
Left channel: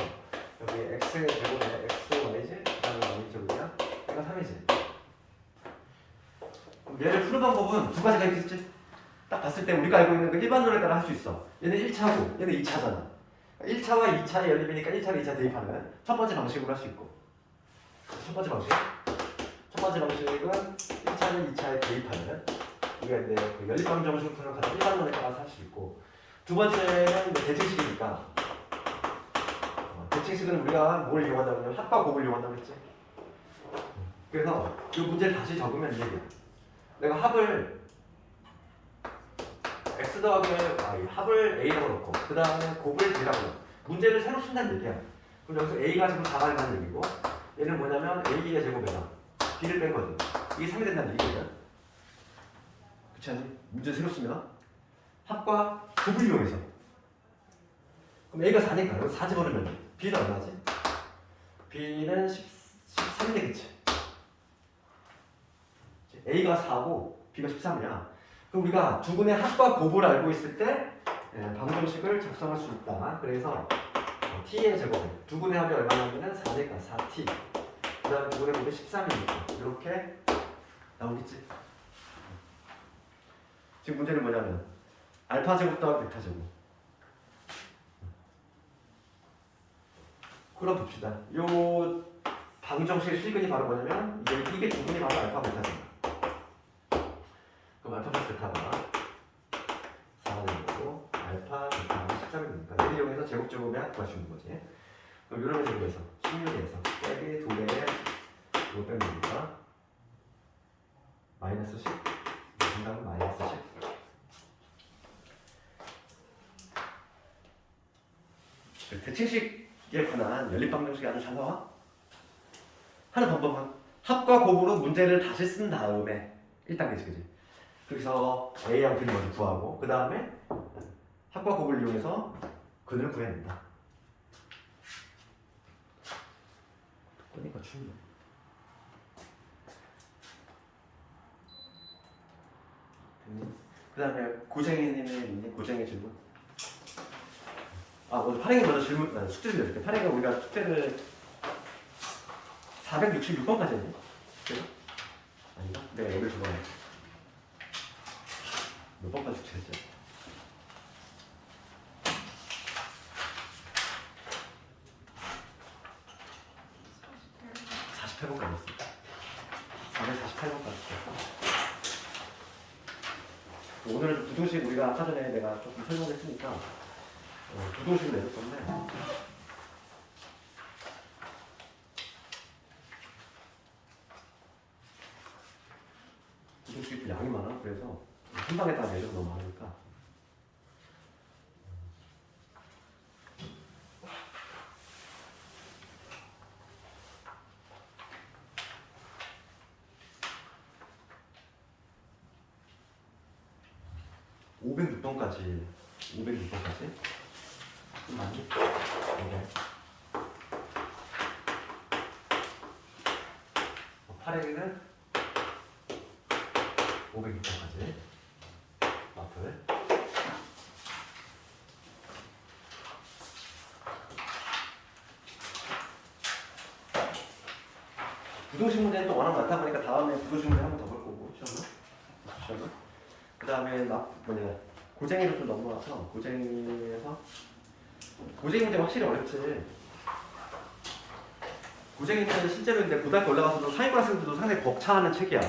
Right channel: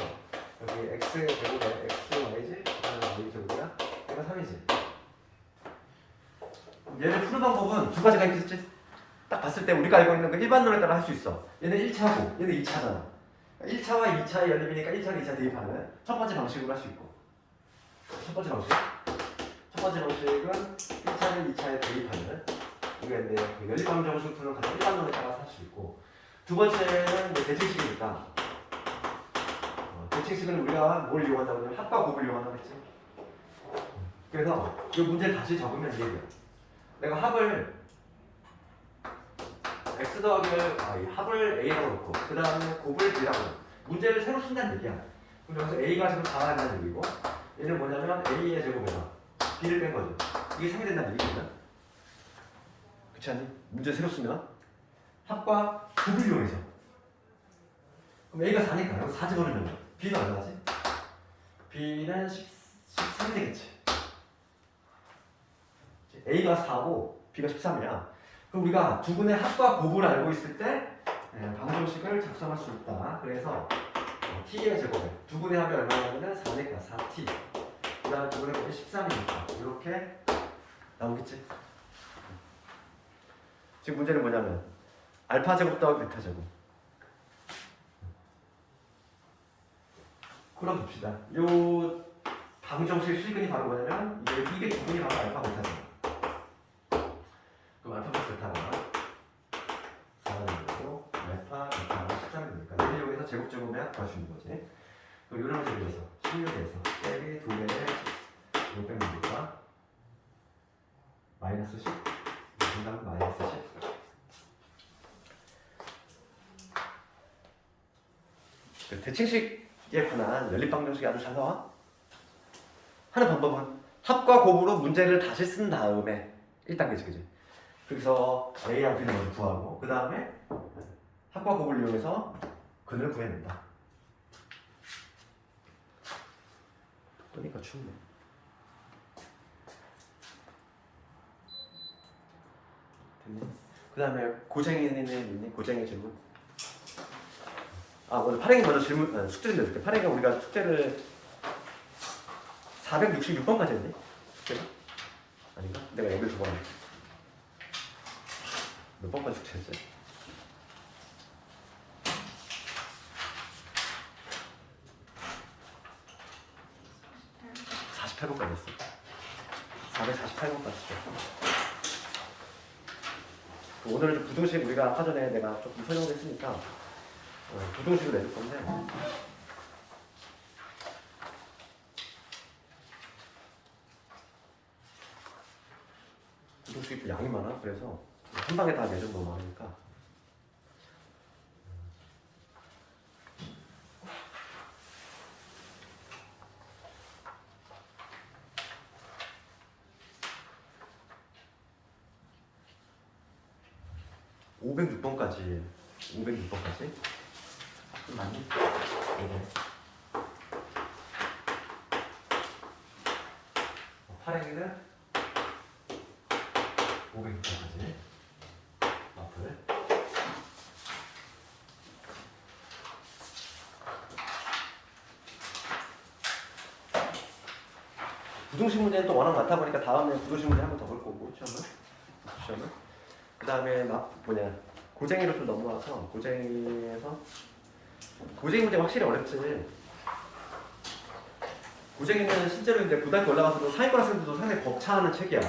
여기 x의 제곱에 x, y지 그 다음에 y 제곱이야 얘가 3이지. 얘를 푸는 방법은 두 가지가 있겠지. 딱 봤을 때 우리가 알고 있는 그 일반론에 따라 할 수 있어. 얘는 1차고 얘는 2차잖아. 1차와 2차의 연립이니까 1차를 2차 대입하는 첫 번째 방식으로 할 수 있고 첫 번째 방식은 1차를 2차에 대입하는 우리가 이제 그 연립방정식을 푸는 가장 일반론에 따라서 할 수 있고 두 번째는 뭐 대칭식이니까 대칭식은 우리가 뭘 이용한다고 하면 합과 곱을 이용한다고 했지. 그래서 이 문제를 다시 적으면 이 얘기야. 내가 합을 x 더하기 합을 a라고 놓고 그 다음에 곱을 b라고 놓고 문제를 새로 쓴다는 얘기야. 그럼 여기서 a가 지금 4가 된다는 얘기고 얘는 뭐냐면 a의 제곱에다 b를 뺀 거지. 이게 3이 된다는 얘기야. 그렇지 않니? 문제 새로 쓰면 합과 곱을 이용해서 그럼 a가 4니까 여기서 4 집어넣으면 b는 얼마지? b는 13이 되겠지. a가 4고 b가 13이야. 그럼 우리가 두 분의 합과 곱을 알고 있을 때 방정식을 작성할 수 있다. 그래서 t의 제곱에 두 분의 합이 얼마냐면은 4니까 4t 그 다음에 두 분의 곱이 13이니까 이렇게 나오겠지? 지금 문제는 뭐냐면 알파 제곱 더하기 베타 제곱 그럼 봅시다. 요 방정식 실근이 바로 뭐냐면 이게 두 분이 바로 알파 베타죠. 제곱제곱면 구할 수 있는 거지. 그럼 이런 제곱에서 16에서 빼기 2배에 이거 빼면 되니까 마이너스 10. 정답은 마이너스 10. 대칭식에 관한 연립방정식이 아주 잘 나와. 하는 방법은 합과 곱으로 문제를 다시 쓴 다음에 1단계지, 그지? 그래서 A랑 B를 먼저 구하고 그 다음에 합과 곱을 이용해서 근을 구해낸다. 그러니까 충분해. 그 다음에 고생이님의 고생의 질문. 먼저 파랭이 먼저 질문, 숙제를 내줄게. 파랭이가 우리가 숙제를 466번까지 했네? 숙제가? 아닌가? 내가 여기를 적어놨네. 몇 번까지 숙제했지? 48번까지 했어. 448번까지 했어. 오늘은 부등식 우리가 아까 전에 내가 조금 설명을 했으니까 부등식을 내줄 건데 부등식이 좀 양이 많아. 그래서 한 방에 다 내줘도 너무 많으니까 506번까지 좀 많이? 네. 파랭이는 506번까지 마플. 부등식 문제는 또 워낙 많다 보니까 다음에 부등식 문제 한 번 더 볼 거고 시험은. 그 다음에 고쟁이로 좀 넘어가서 고쟁이에서 고쟁이 문제 확실히 어렵지. 고쟁이는 실제로 이제 고등학교 올라가서도 상위권 학생들도 상당히 벅차하는 책이야.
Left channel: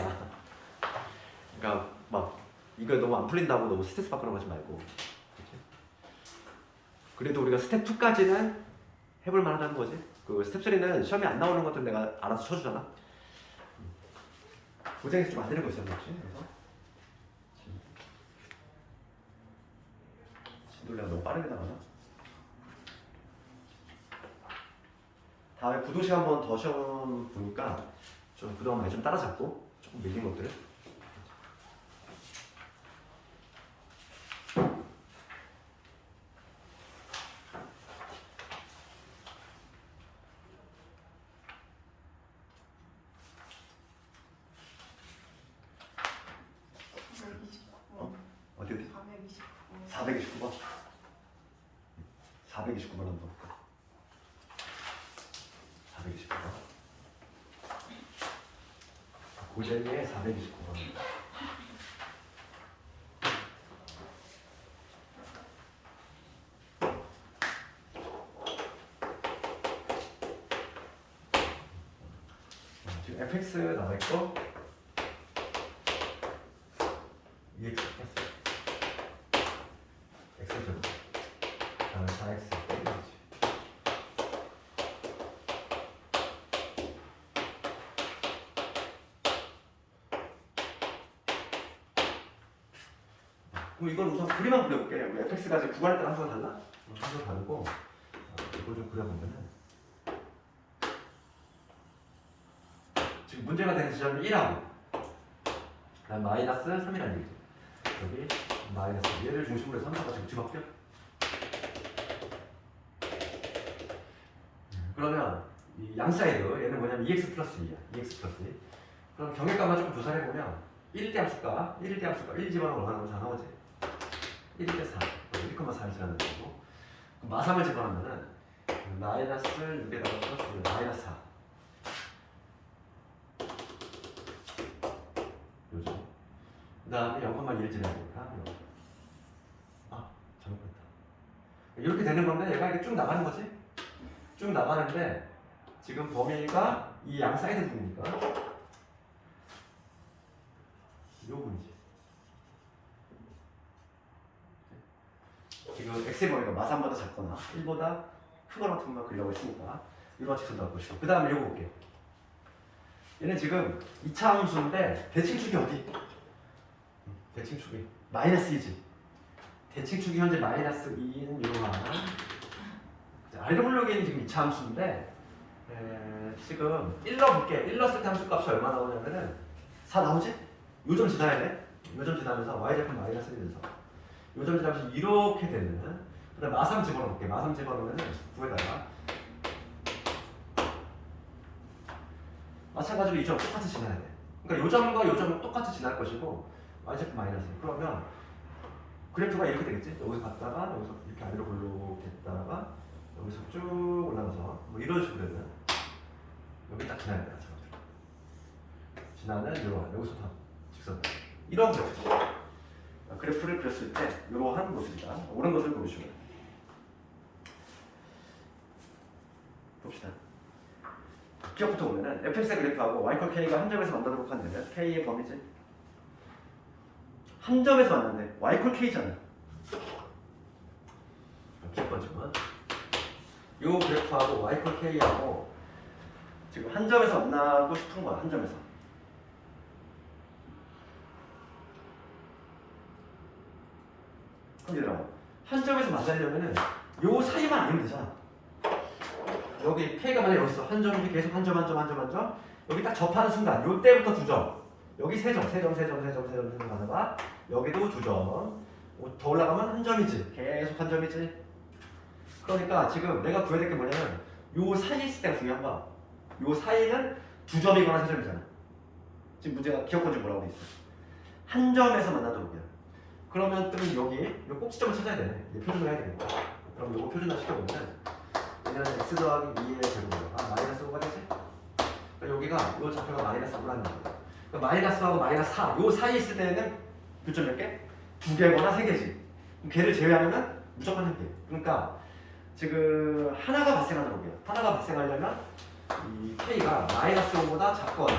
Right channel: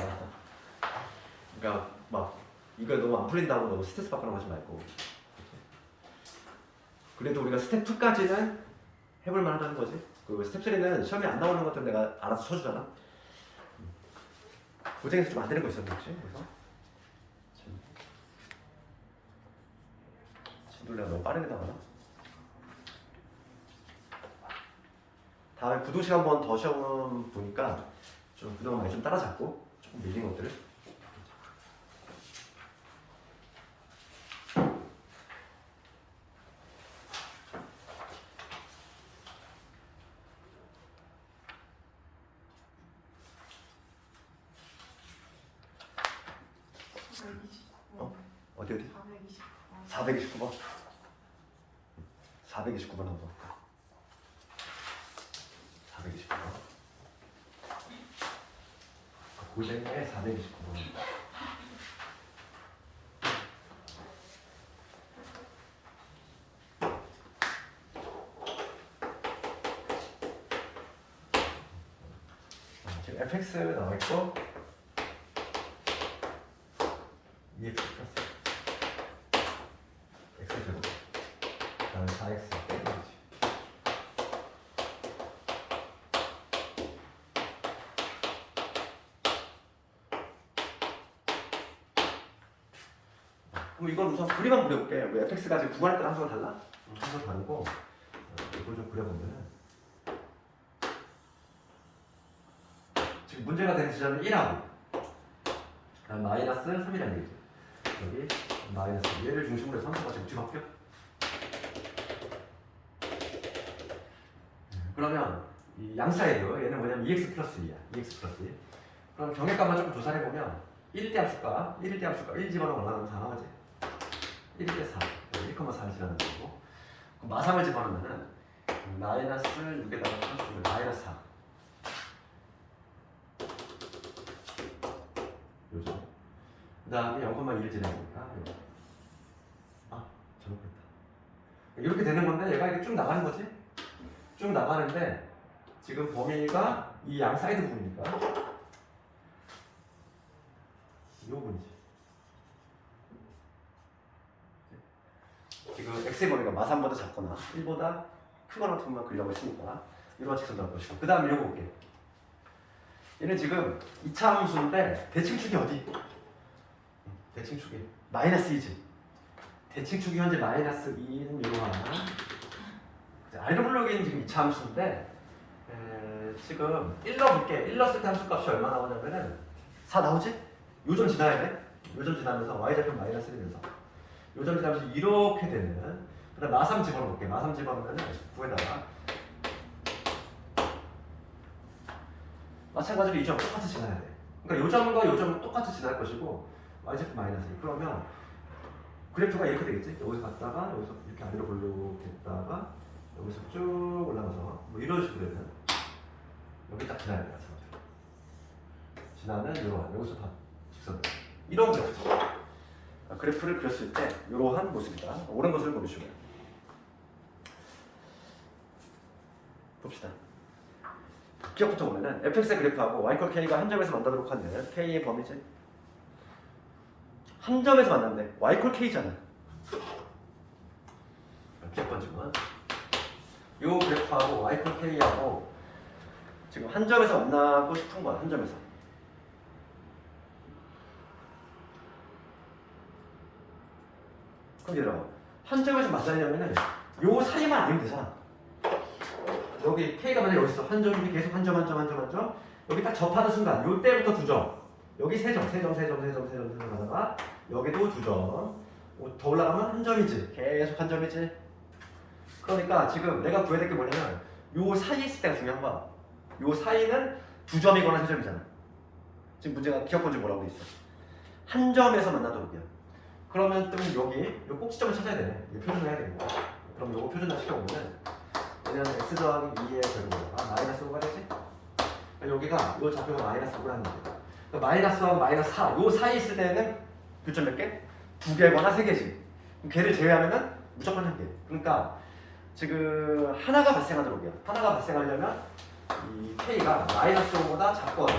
그러니까 막 이거 너무 안 풀린다고 너무 스트레스 받거나 하지 말고. 그래도 우리가 스텝 2까지는 해볼 만하다는 거지. 그 스텝 3는 시험에 안 나오는 것들 내가 알아서 쳐주잖아. 고쟁이에서 좀 안 되는 거 있었나 혹시? 그래서 내가 너무 빠르게 나가나? 다음에 부등식 한 번 더 시험 보니까 좀 그동안 많이 좀 따라잡고 조금 밀린 것들을 어디? 429번 429번 한번 볼까? 429번 고쟁이의 429번. 지금 fx 나와 있고 EX 플러스 X 제곱 그다음에 4X 빼기 거지. 그럼 이건 우선 그림만 그려볼게. 왜 fx가 지금 구할 때는 항상 달라? 항상 다르고 이걸 좀 그려보면은 지금 문제가 되는 지점이 1하고 그다음 마이너스 3이라는 얘기죠. 여기 마이너스 얘를 중심으로 해서 함수가 지금 뒤바뀌어? 그러면 이 양사이드 얘는 뭐냐면 2x 플러스 2야. 2x 플러스 2. 그럼 경계값만 조금 조사를 해보면 1대 함수값 1 집어넣으면 얼마나 다 나오지? 1대 4 1,4를 지나는 거고 마상을 집어넣으면은 마이너스 6에다가 플러스 6 마이너스 4 요죠. 그 다음에 0,1 지나니까 잘못했다. 이렇게 되는 건데 얘가 이렇게 쭉 나가는 거지? 쭉 나가는데 지금 범위가 이 양 사이드 부분이니까 이 부분이지. 지금 그 x의 범위가 마삼보다 작거나 1보다 크거나 같은 것만 그리라고 치니까 이러한 직선 나올 것이고 그 다음에 이거 볼게. 얘는 지금 2차 함수인데 대칭축이 어디? 대칭축이 마이너스 2지. 대칭축이 현재 마이너스 2인 이러한 아래로 블록에는 지금 2차 함수인데 지금 1러 볼게. 1 넣었을 때 함수값이 얼마 나오냐면은 4 나오지? 요점 지나야 돼. 요점 지나면서 y좌표 마이너스 1이면서 요점 지나면서 이렇게 되는 그 다음 마삼 집어넣을게. 마삼 집어넣으면은 9에다가 마찬가지로 이 점 똑같이 지나야 돼. 그러니까 요점과 요점은 똑같이 지날 것이고 y좌표 마이너스 1. 그러면 그래프가 이렇게 되겠지? 여기서 갔다가 여기서 이렇게 아래로 블록됐다가 여기서 쭉 올라가서 뭐 이런 식으로 되는 여기 딱 지나야 돼. 마찬가지로 지나면 이러한 여기서 다 직선으로 이런 그래프죠. 그래프를 그렸을 때 이러한 모습이다. 옳은 것을 고르시고 봅시다. 기억부터 보면은 fx의 그래프하고 y 콜 k가 한 점에서 만나도록 하는 k의 범위지. 한 점에서 만났는데 y 콜 k잖아. 기억 번지만 요 그래프하고 y 콜 k하고 지금 한 점에서 만나고 싶은 거야. 한 점에서. 그럼 한 점에서 만나려면은 요 사이만 아니면 되잖아. 여기 K가 만약에 여기 있어. 한 점이 계속 한 점, 한 점, 한 점, 한 점. 여기 딱 접하는 순간 요 때부터 두 점. 여기 세 점, 세 점, 세 점, 세 점, 세 점, 세 점 하다가 여기도 두 점. 더 올라가면 한 점이지. 계속 한 점이지. 그러니까 지금 내가 구해야 될 게 뭐냐면 요 사이 있을 때가 중요한 거야. 요 사이는 두 점이거나 세 점이잖아. 지금 문제가 기억본지 뭐라고 돼 있어. 한 점에서 만나도록이야. 그러면 또 여기 요 꼭지점을 찾아야 되네. 이제 표준을 해야 되는 거야. 그럼 요거 표준화 시켜보면 얘는 x 더하기 2의 제곱으로 마이너스 5가 되지? 여기가 요 좌표가 마이너스 5라는 거야. 마이너스하고 마이너스 4, 요 사이에 있을 때는 교점 몇 개? 2개거나 3개지. 그럼 걔를 제외하면은 무조건 1개. 그러니까 지금 하나가 발생하도록 해요. 하나가 발생하려면 이 k가 마이너스 5보다 작거나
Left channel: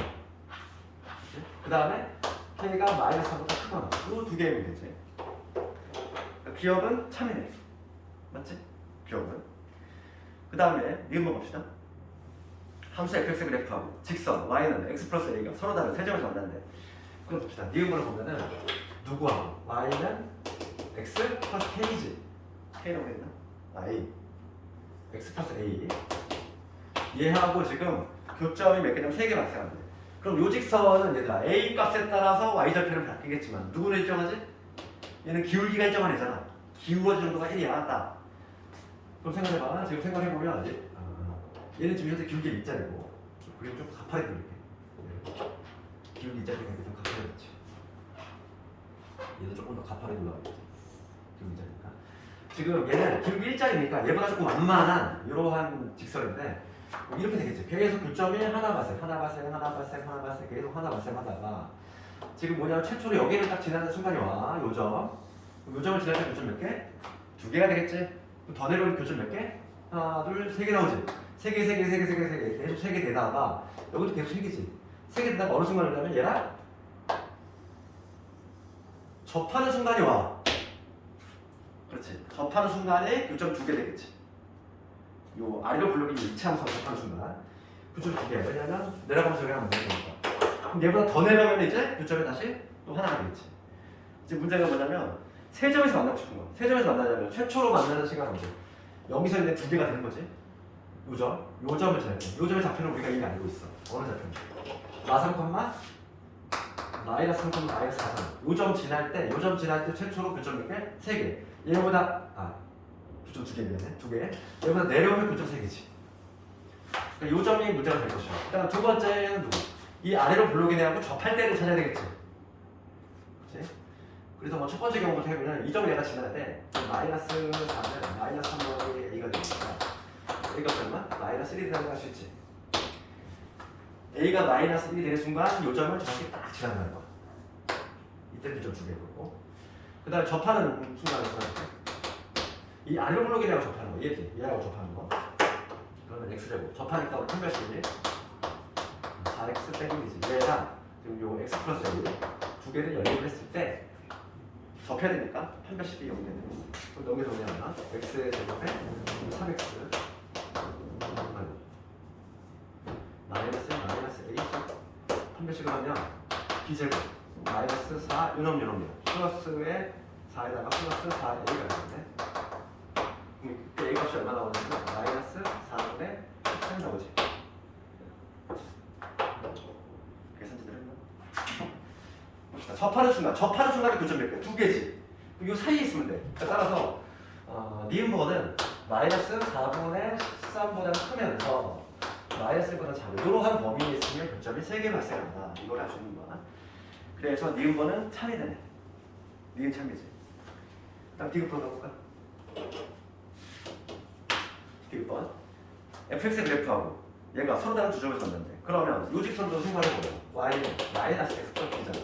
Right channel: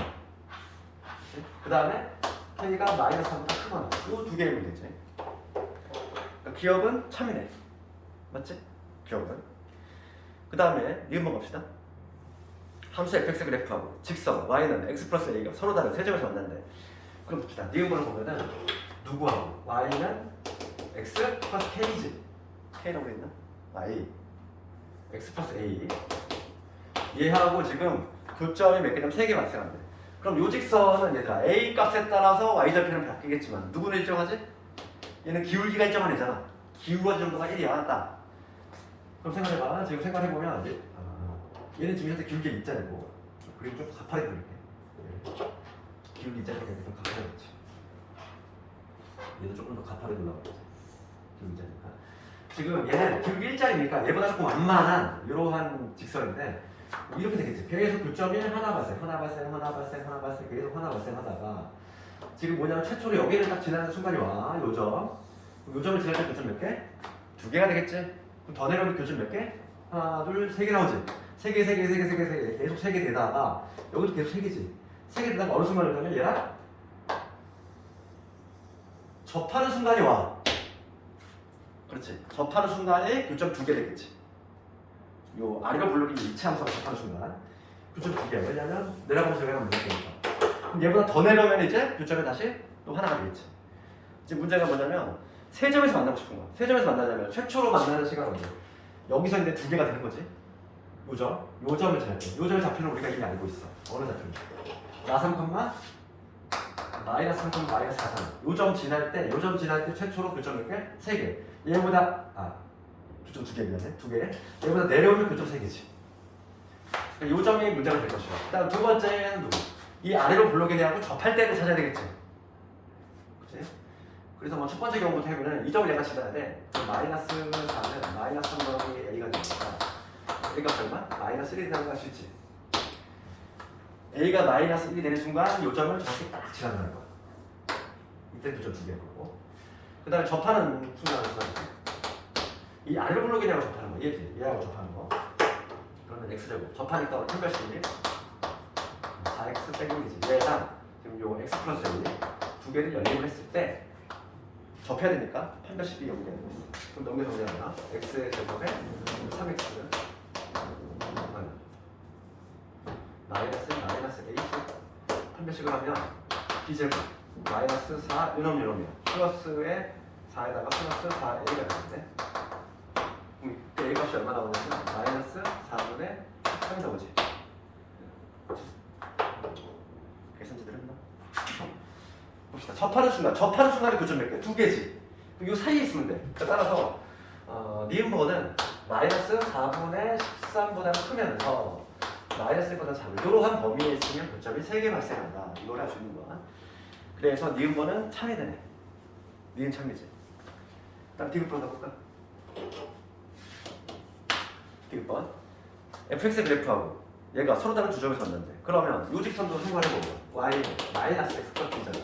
그 다음에 k가 마이너스 4보다 크거나 요 두 개의 문제지. 기억은 참이네. 맞지? 기억은. 그 다음에 니은번 봅시다. 함수 fx 그래프하고 직선 y는 x 플러스 a가 서로 다른 세 점에서 만난대. 그럼 봅시다. 니은번을 보면은 누구하고 y는 x 플러스 k지. k라고 했나? y x 플러스 a 얘하고 지금 교점이 몇 개 되면 3개 발생한대. 그럼 요 직선은 얘들아 a 값에 따라서 y좌표는 바뀌겠지만 누구는 일정하지? 얘는 기울기가 일정한 애잖아. 기울어진 정도가 1이야. 맞다. 그럼 생각해봐. 지금 생각해보면 얘는 지금 현재 기울기 밑자리고 그리고 좀 가파르게 돌릴게. 기울기 밑자리가 좀 가파르겠지. 얘도 조금 더 가파르게 올라가겠지. 기울기 밑자리니까. 지금 얘는 기울기 일자리니까 얘보다 조금 완만한 이러한 직선인데 이렇게 되겠지. 계속 교점이 하나 발생, 하나 발생, 하나 발생, 하나 발생 계속 하나 발생하다가 지금 뭐냐면 최초로 여기를 딱 지나는 순간이 와. 요점. 요점을 지날 때 교점 몇 개? 2개가 되겠지. 그럼 더 내려오는 교점 몇 개? 하나, 둘, 3개 나오지. 3개, 3개, 3개, 3개, 3개. 계속 3개 되다가 여기도 계속 3개지. 3개 되다가 어느 순간을 가면 얘랑 접하는 순간이 와. 그렇지. 접하는 순간에 교점 2개 되겠지. 요 아래로 블록이 2차 함수하고 접하는 순간 교점 2개. 왜냐면 내려가면서 여기 하나 묶으니까. 그럼 얘보다 더 내려오면 이제 교점이 다시 또 하나가 되겠지. 지금 문제가 뭐냐면 세 점에서 만나고 싶은 거야. 세 점에서 만나려면 최초로 만나는 시간은 언제? 여기서 이제 2개가 되는 거지. 요점, 요점을 지날 때. 요점의 좌표는 우리가 이미 알고 있어. 어느 좌표인지. 마3, 마이너스 3, 마이너스 4점. 요점 지날 때, 요점 지날 때 최초로 교점 몇 개? 3개. 얘보다 교점 2개 미안해. 2개. 얘보다 내려오면 교점 3개지. 그러니까 요점이 문제가 될 것이고. 일단 두 번째는 누구? 이 아래로 블록이네하고 접할 때를 찾아야 되겠지. 그렇지? 그래서 뭐 첫 번째 경우부터 해보면 이 점을 얘가 지나야 돼. 마이너스 4면 마이너스 3 더하기 a가 되니까 a가 얼마? 마이너스 1이 되는 값이 있지. a가 마이너스 1이 되는 순간 이 점을 정확히 딱 지나가는 거야. 이때 교점 2개일 거고. 그 다음에 접하는 순간을 이 아래로 블록이네하고 접하는 거. 얘지? 얘하고 접하는 거. 그러면 x제곱. 접하니까 판별식이 4x 빼기 1이지. 얘랑 지금 요 x 플러스 1 두 개를 연립을 했을 때 접해야 되니까 판별식이 연결. 그럼 넘겨 정리하면 x의 제곱에 3x를 마이너스 a 판별식을 하면 b제곱 마이너스 4 요놈 플러스에 4에다가 플러스 4a가 되는데 a 값이 얼마 나오냐면 마이너스 4분의 13 나오지. 계산 제대로 했나? 봅시다. 접하는 순간에 교점 몇 개? 두 개지. 이 사이에 있으면 돼. 따라서 니은번은 마이너스 4분의 13보다 크면서 마이너스 1보다 작은 이러한 범위에 있으면 교점이 3개 발생한다. 이걸 할 수 있는 거야. 그래서 니은번은 창의되네. 니은 창의지. 다음 디귿번 해볼까? 디귿번 fx의 그래프하고 얘가 서로 다른 두 점에서 만난대. 그러면 요직선도 생각해보고 y는 마이너스 x 플러스잖아.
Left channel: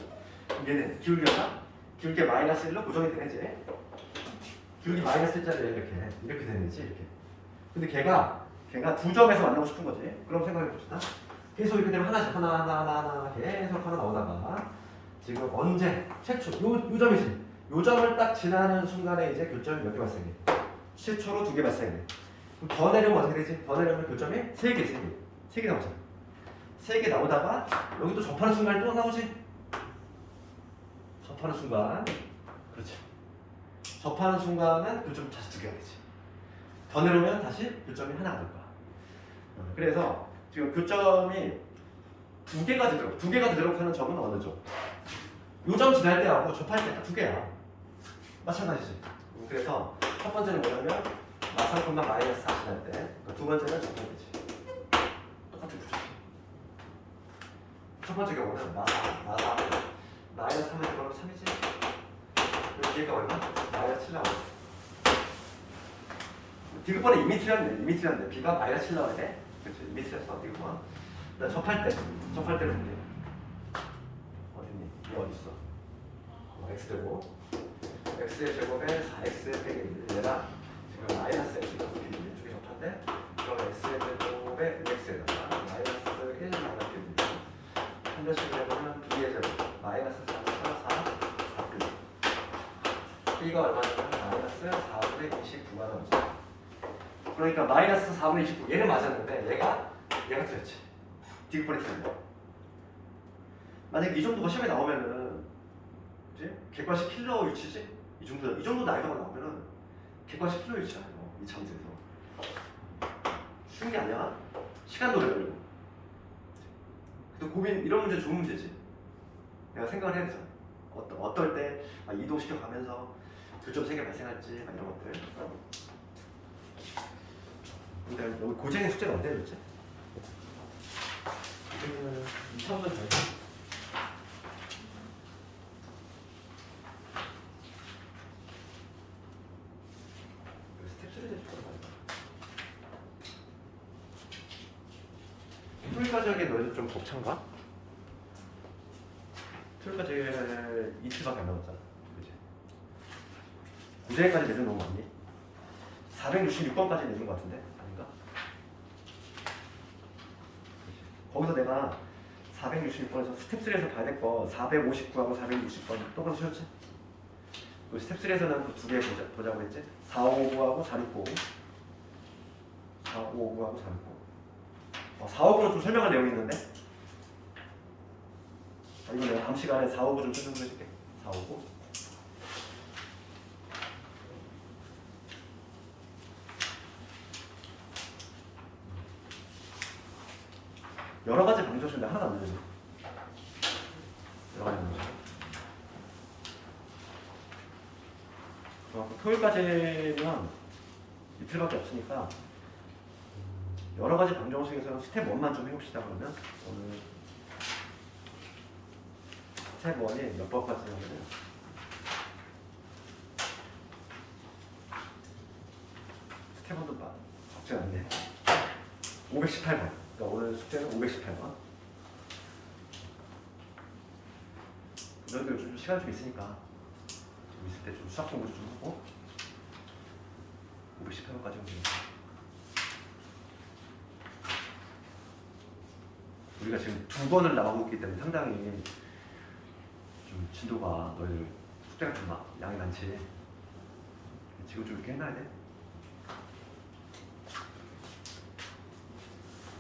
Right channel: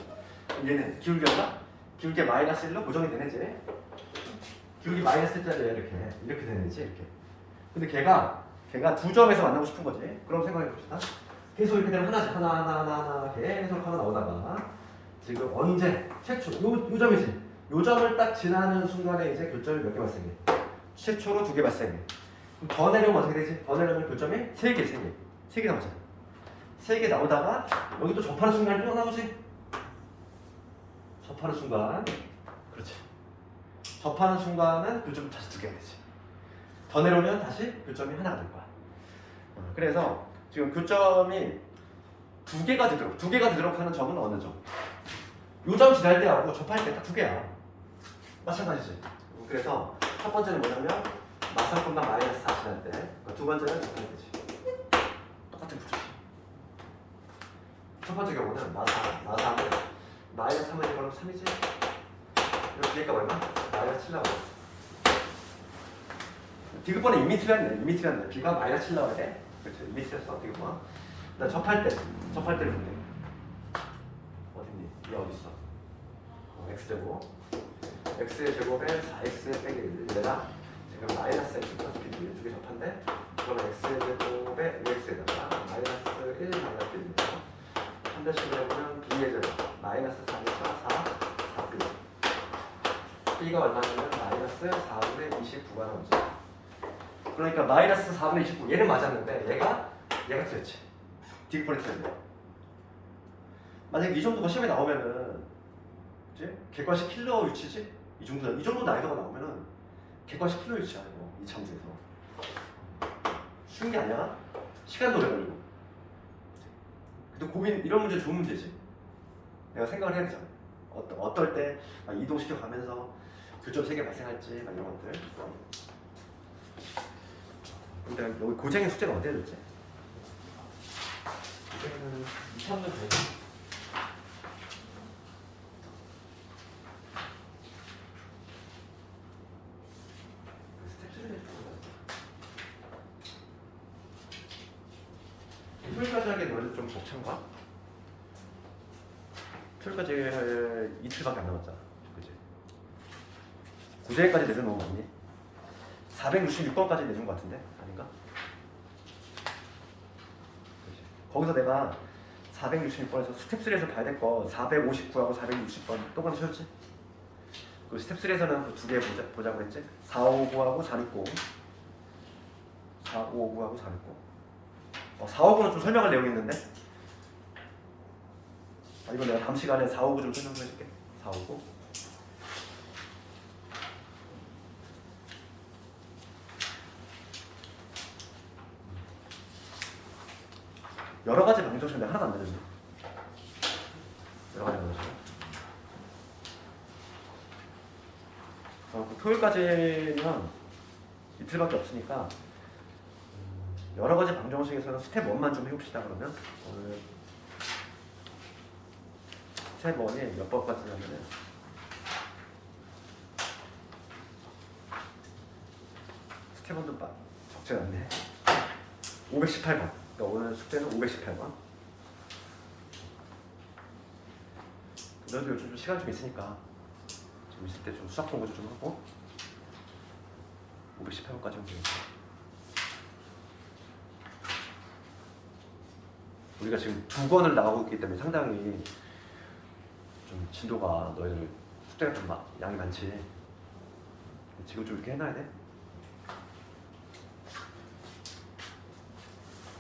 그럼 얘는 기울게 마이너스 1로 고정이 되네지. 기울기 마이너스 1짜리 이렇게 되네지. 이렇게. 근데 걔가 두 점에서 만나고 싶은 거지. 그럼 생각해봅시다. 계속 이렇게 되면 하나 계속 하나 나오다가 지금 언제 최초 요 점이지. 요 점을 딱 지나는 순간에 이제 교점이 몇 개 발생해? 최초로 2개 발생해. 그럼 더 내려면 어떻게 되지? 더 내려면 교점이 3개 나오잖아. 3개 나오다가 여기 또 접하는 순간에 또 나오지. 접하는 순간, 그렇지. 접하는 순간은 교점이 다시 2개가 되지. 더 내려오면 다시 교점이 하나가 될 거야. 그래서 지금 교점이 2개가 되도록 하는 점은 어느 점? 요 점 지날 때하고 접할 때 딱 2개야. 마찬가지지. 그래서 첫 번째는 뭐냐면 마상콤마 마이너스 4 지날 때, 두 번째는 접할 때지. 똑같은 구조지. 첫 번째 경우는 마상은 마이너스 3을 이거는 3이지. 그리고 뒤에가 얼마? 마이너스 7 나와. 디귿번에 이미 틀렸네. b가 마이너스 7 나와야 돼. 그렇지. 이미 틀렸어. 디귿번. 나 접할 때를 볼게. 어딨니? 얘 어딨어? x제곱 x의 제곱에 4x의 빼기 얘가 지금 마이너스 x가 두개 접한데 그러면 x의 제곱에 2x에다가 마이너스 1 마이너스 1입니다. 한대식으로 해보면 b의 제곱 마이너스 4분의 4b b가 얼마냐면 마이너스 4분의 29가 나오죠. 그러니까 마이너스 4분의 29 얘는 맞았는데 얘가 틀렸지. 디귿번에 틀린 거. 만약에 이 정도가 시험에 나오면은 이제 객관식 킬러 위치지? 이 정도 나이도가 나오면은 객관식 킬러 위치야. 이 참수에서 쉬운 게 아니야. 시간도 오래 걸리고. 근데 고민 이런 문제 좋은 문제지. 내가 생각을 해야 되잖아. 어떨 때 이동시켜 가면서 교점 3개 발생할지 이런 것들. 근데 여기 고생의 숙제가 언제 줬지? 이거는 2차원 되죠? 스텝 3 해줄 거란 말이야. 토요일까지 하기엔 너희들 좀 벅찬가? 토요일까지 이틀밖에 안 남았잖아. 그치? 9제까지 내려놓은 거 아니니? 466번까지 내준 거 같은데? 아닌가? 거기서 내가 466번에서 스텝 3에서 봐야 될 거 459하고 460번 똑같이 쉬었지? 그 스텝 3에서는 그 두 개 보자고 했지? 4559하고 469 4559하고 469 459는 좀 설명을 내고 있는데 이건 내가 다음 시간에 459 좀 설명해 줄게. 459 여러 가지 방정식인데 하나도 안 되는데. 여러 가지 방정식. 토요일까지는 이틀밖에 없으니까 여러 가지 방정식에서는 스텝 1만 좀 해봅시다. 그러면 오늘 스텝 1이 몇 번까지 하면은 스텝 1도 적지 않네. 518번. 그러니까 오늘 숙제는 518번. 너희도 요즘 시간 좀 있으니까 좀 있을 때 좀 수학 공부 좀 하고 518번까지 하면 되겠다. 우리가 지금 2번을 나오고 있기 때문에 상당히 좀 진도가 너희들 숫자가 좀 양이 많지. 지금 좀 이렇게 해놔야 돼.